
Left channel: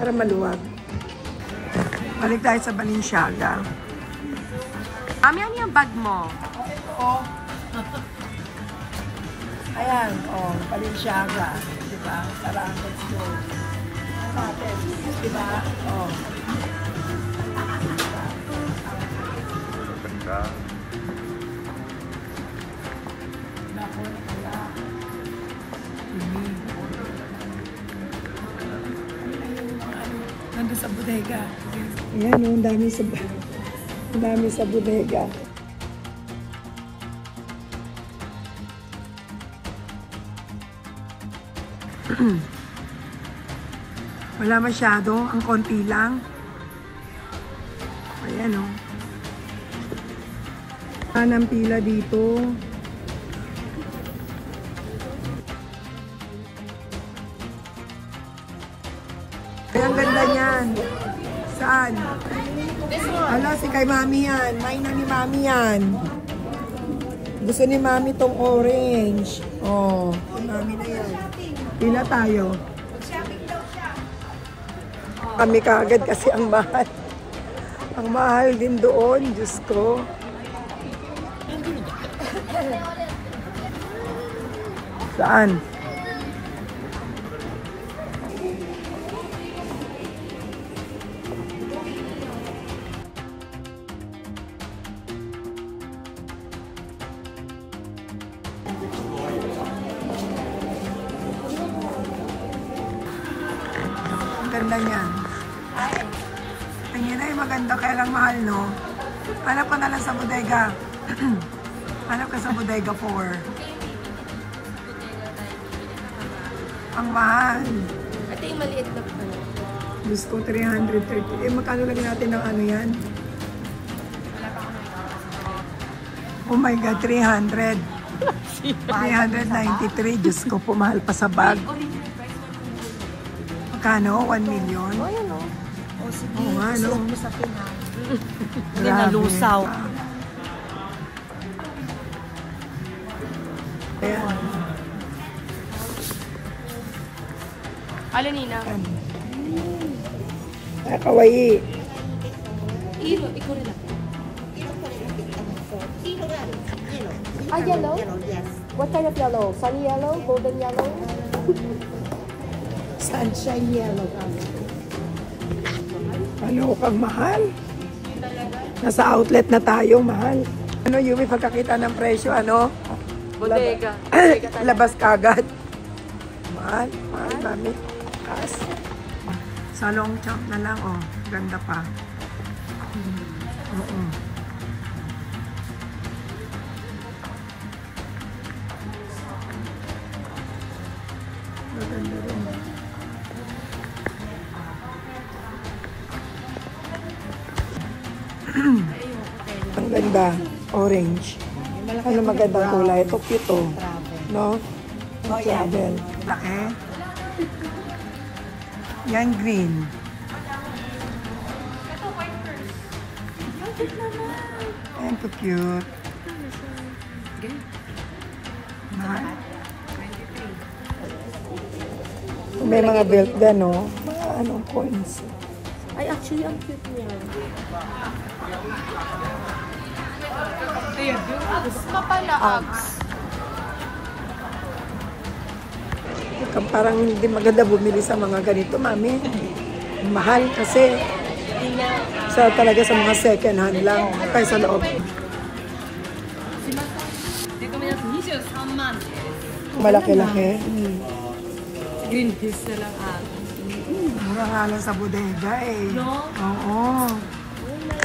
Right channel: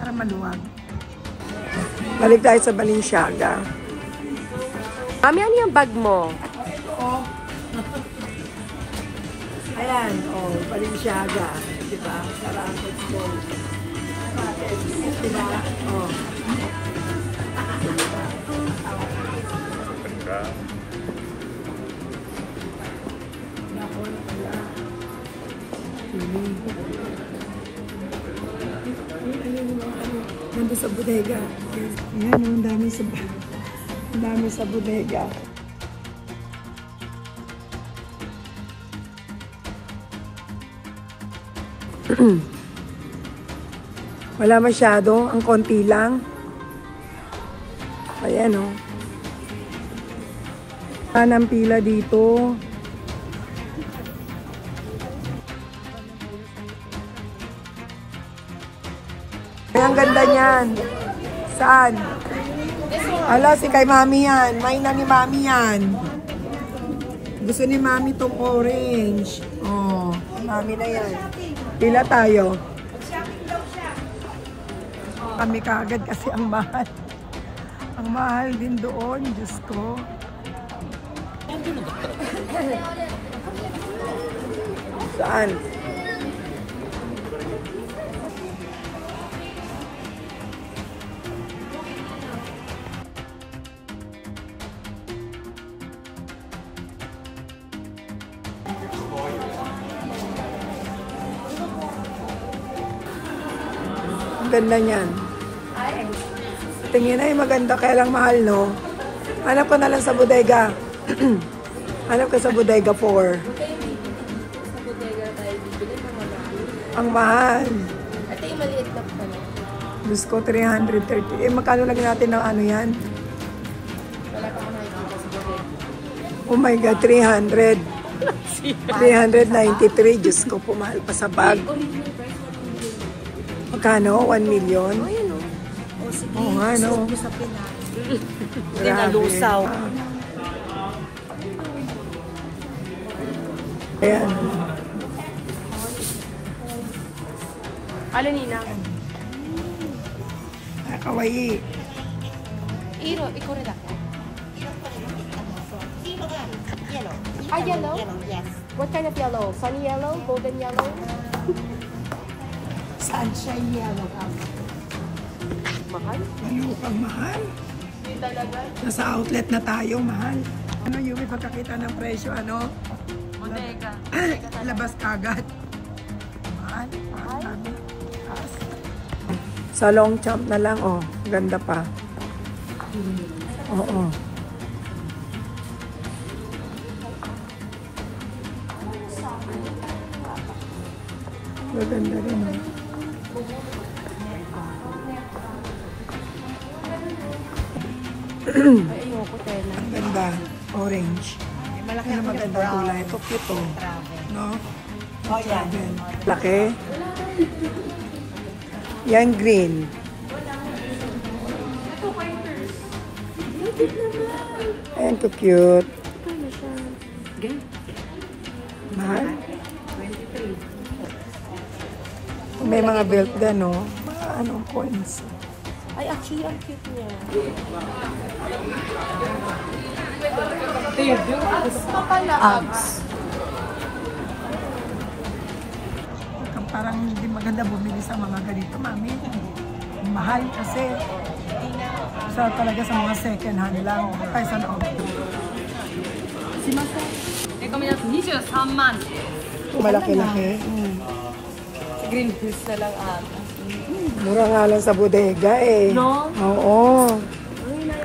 Para maluwag. Balik tayo sa Balenciaga. Mami, ano yung bag mo? Oh. Ayan, oh, Balenciaga. Diba? Sarang it's gold. Diba? Oh. Nandun sa bodega. Ayan, oh, ang dami sa bodega. Wala masyado, ang konti lang. Ayan, oh. Ang pila dito. Ang ganda niyan. Saan? Ala, si kay mami yan. May na ni mami yan. Gusto ni mami tong orange. Oh, mami na yan. Pila tayo. Kami kaagad kasi ang mahal. Ang mahal din doon, Diyos ko. Saan? Ganda niyan. Tingin ay maganda, kaya lang mahal, no? Hanap ka na lang sa bodega. Hanap ka sa bodega 4. Ang mahal. Ate, yung maliit na pa. Diyos ko, 330. Eh, magkano lagyan natin ng ano yan? Oh my God, 300. 393. Diyos ko, pumahal pa sa bag. Magkano? 1 million? Oo nga, no? Grabe. Ayan. Ano, Nina? Ay, kawaii. Yellow? What kind of yellow? Sunny yellow? Golden yellow? Sunshine yellow. Ano kang mahal? Nasa outlet na tayo, mahal. Ano, Yumi, pagkakita ng presyo, ano? Bodega. Labas kagad. Mahal, mahal namin. As. Sa long champ na lang, oh. Ganda pa. Oo. Ganda, ganda. Ang ganda. Orange. Ano magandang kulay? Ito cute, oh. No? Travel. Laki. Yan green. Ayan ko cute. Mahal. May mga belt din, no? Mga anong coins. Ay, actually, ang cute niya. Parang hindi maganda bumili sa mga ganito, mami. Mahal kasi talaga sa mga second hand lang kaya sa loob. Malaki-laki. Green piece na lang Mura nga lang sa bodega eh. No? Oo.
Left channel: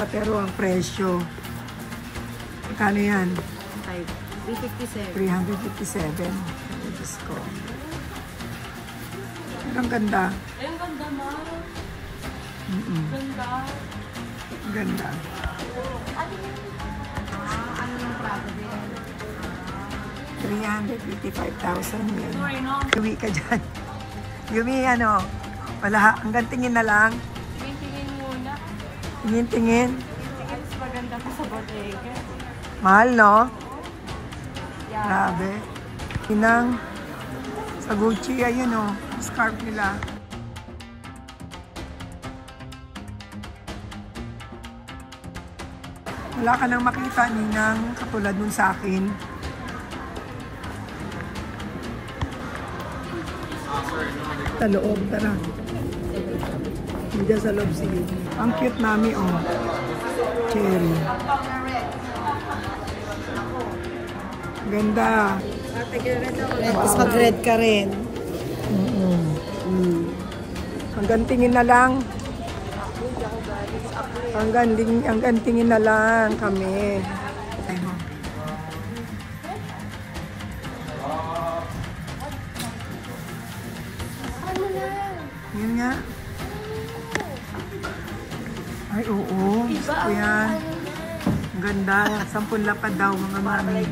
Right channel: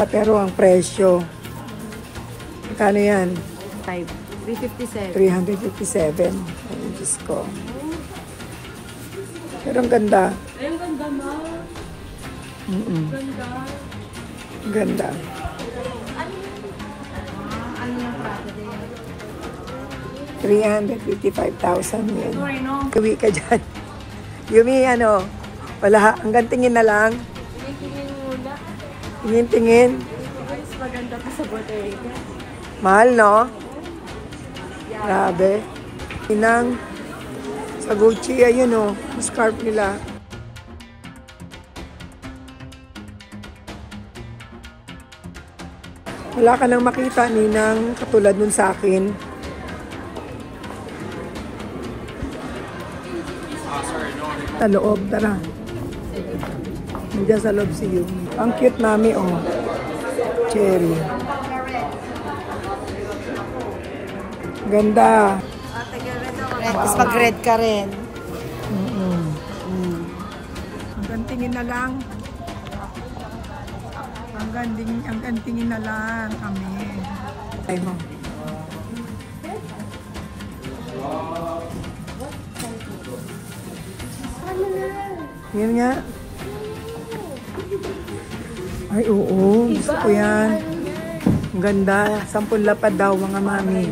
Pero ang presyo. Magkano yan? 357. 357. Ay, Diyos ko. Pero ang ganda. Ay, ang ganda, ma. Ganda. Ganda. Ano yung prato din? 355,000 yan. Sorry, no? Uwi ka dyan. Yumi, ano? Wala, hanggang tingin na lang. Tingin muna. Tingin. Tingin mas maganda pa sa bodega. Mahal, no? Grabe. Inang, sa Gucci, ayun, oh. Scarf nila. Wala ka nang makita, Ninang, katulad nun sa akin. Sa loob, tara. Nandiyan sa loob, sige. Ang cute, mami, oh. Cherry. Ganda. Tapos mag-red ka rin. Hanggang tingin na lang. Hanggang tingin na lang kami. Ay mo. Yan nga. Ay, oo. Gusto ko yan. Ang ganda. 10 lapad daw, mga mami.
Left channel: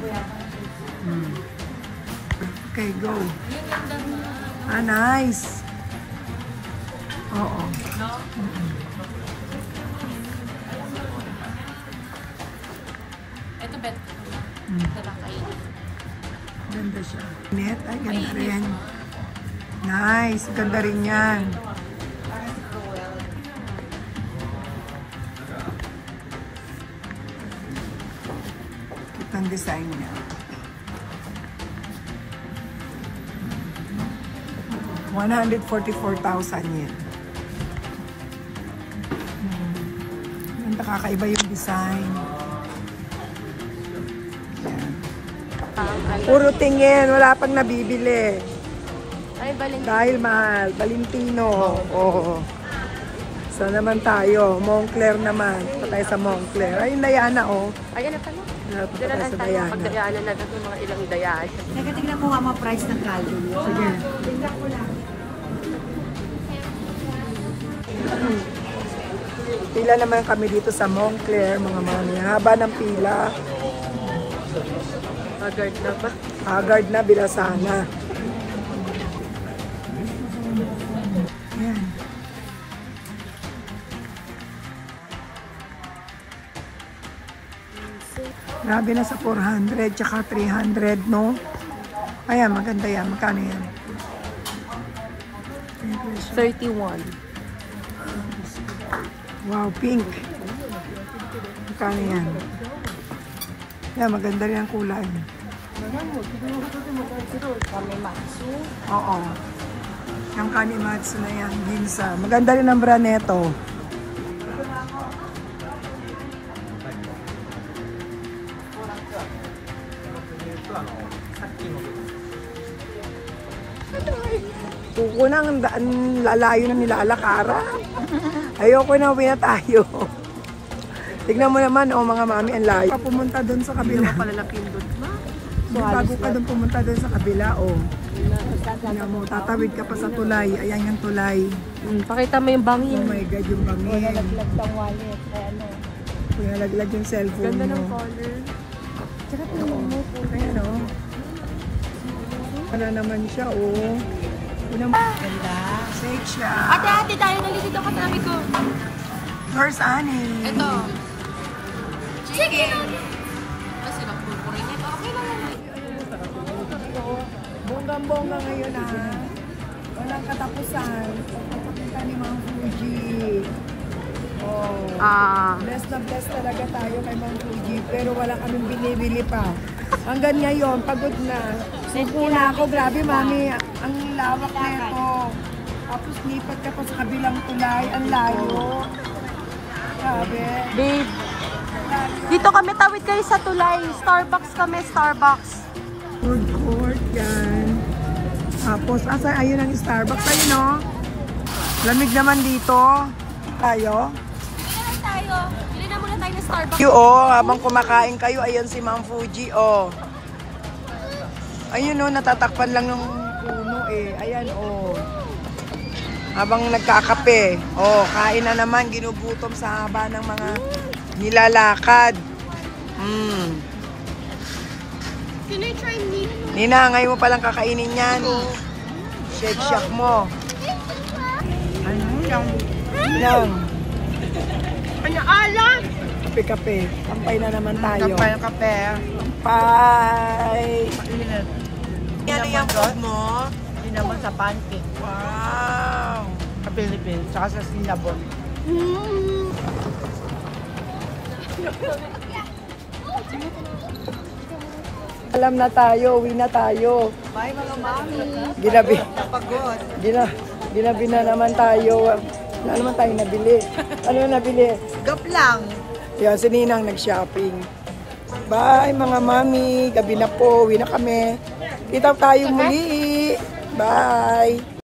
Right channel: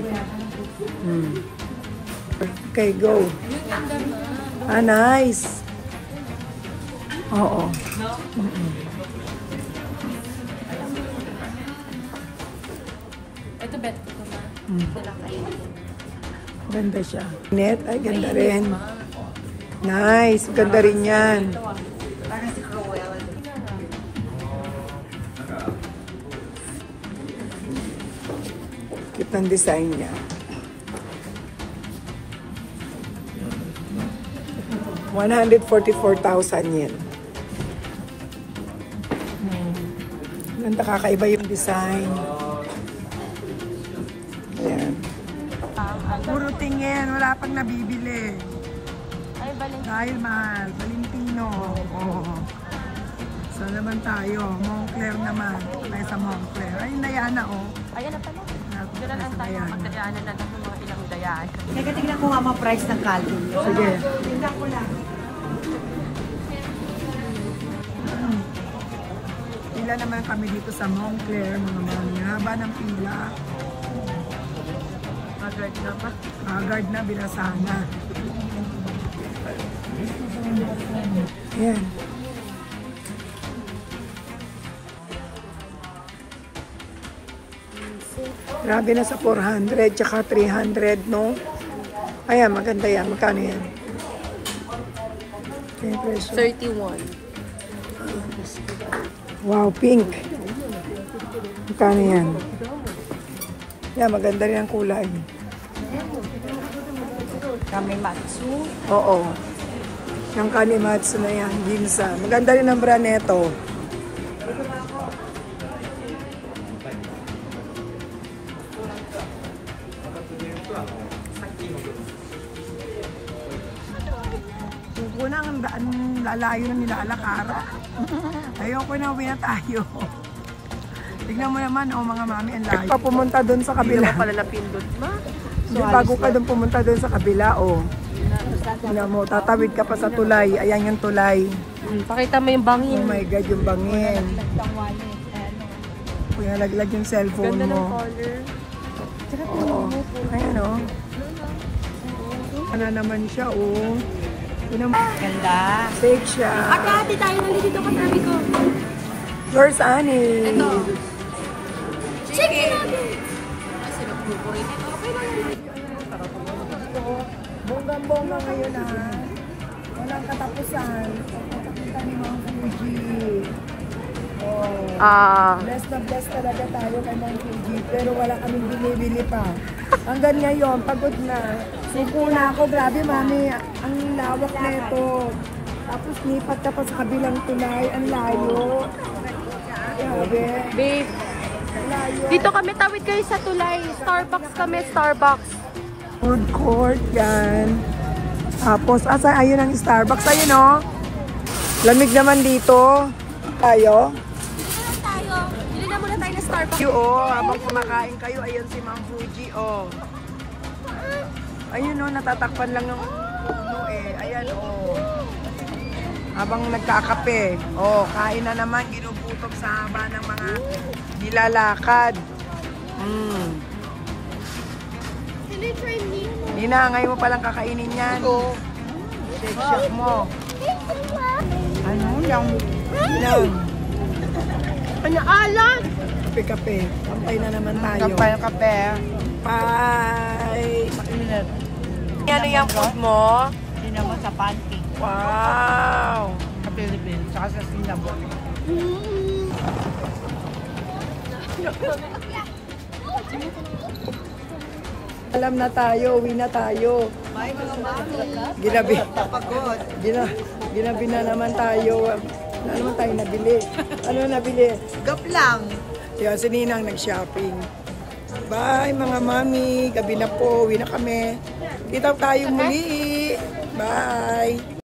Okay, go. Ah, nice. Oo. Ito bet ko na. Ganda siya. Net, ay ganda rin. Nice. Ganda rin yan. Cute ang design niya. $144,000 yen. Ganda, kakaiba yung design. Ayan. Puro tingin, wala pang nabibili. Ay, Valentino. Dahil mahal, Valentino. Oo. So naman tayo, Moncler naman. Pa tayo sa Moncler. Ayun, Diana, oh. Ayan na pala. Punta Diyan na sa tayo. Diana. Pagdayaanan na ng mga ilang dayaan. Teka, tignan ko nga mga price ng kali. Sige. Pila naman kami dito sa Moncler, mga mami. Haba ng pila. Haggard na ba? Haggard na, Bilasana. Yan. Grabe na sa 400, tsaka 300, no? Ayan, maganda yan. Magkano yan? May presyo. 31. Wow, pink. Magkano yan? Yan, maganda rin ang kulay. Oo. Yung Kanimatsu na yan, Ginza. Maganda rin ang brand neto. Suko na, ang lalayo na nilalakaran. Ayoko na, uwi na tayo. Tignan mo naman, mga mami, ang layo. Pumunta doon sa kabila. Hindi pala napindot, ma. Hindi, bago ka doon pumunta doon sa kabila, Tignan mo, tatawid ka pa sa tulay. Ayan yung tulay. Pakita mo yung bangin. Oh my God, yung bangin. Kung nalaglag yung cellphone Ganda ng mo. color. Ayan, Ano naman siya, Fake siya. Ate, tayo nalilito ka namin ko. Where's Annie? Chicken nuggets! Bonggang-bongga ngayon, Walang katapusan. Pagpapakita ni Ma'am Fuji. Bless na bless talaga tayo kay Ma'am Fuji. Pero wala kaming binibili pa. Hanggang ngayon, pagod na. Suko na ako. Grabe, Mami. Ang lawak na ito. Tapos lipat ka pa sa kabilang tulay. Ang layo. Grabe. Babe, Layo. dito kami tawid kayo sa tulay. Starbucks kami, Starbucks. Food court yan. Tapos, ayun ang Starbucks. Ayun, Lamig naman dito. Tayo. Bili na muna tayo ng Starbucks. Habang kumakain kayo, ayun si Ma'am Fuji, Ayun, natatakpan lang ng Ayan, Habang nagkakape. Kain na naman, ginugutom sa haba ng mga nilalakad. Can I try meat? Nina, ngayon mo palang kakainin yan. Shake mo. Ano yung Nang. Alam! Kape-kape. Kampay na naman tayo. Kape. Kampay. Mainit. Ano yung food mo? Hindi naman sa pancake. Wow. Sa Philippines, saka sa Singapore. Alam na tayo, uwi na tayo. Bye mga mami. Ginabi. Napagod. Ginabi na naman tayo. Wala naman tayo nabili. Ano nabili? Gap lang. Yan, si Ninang nag-shopping. Bye mga mami. Gabi na po. Uwi na kami. Kita tayo muli. Bye.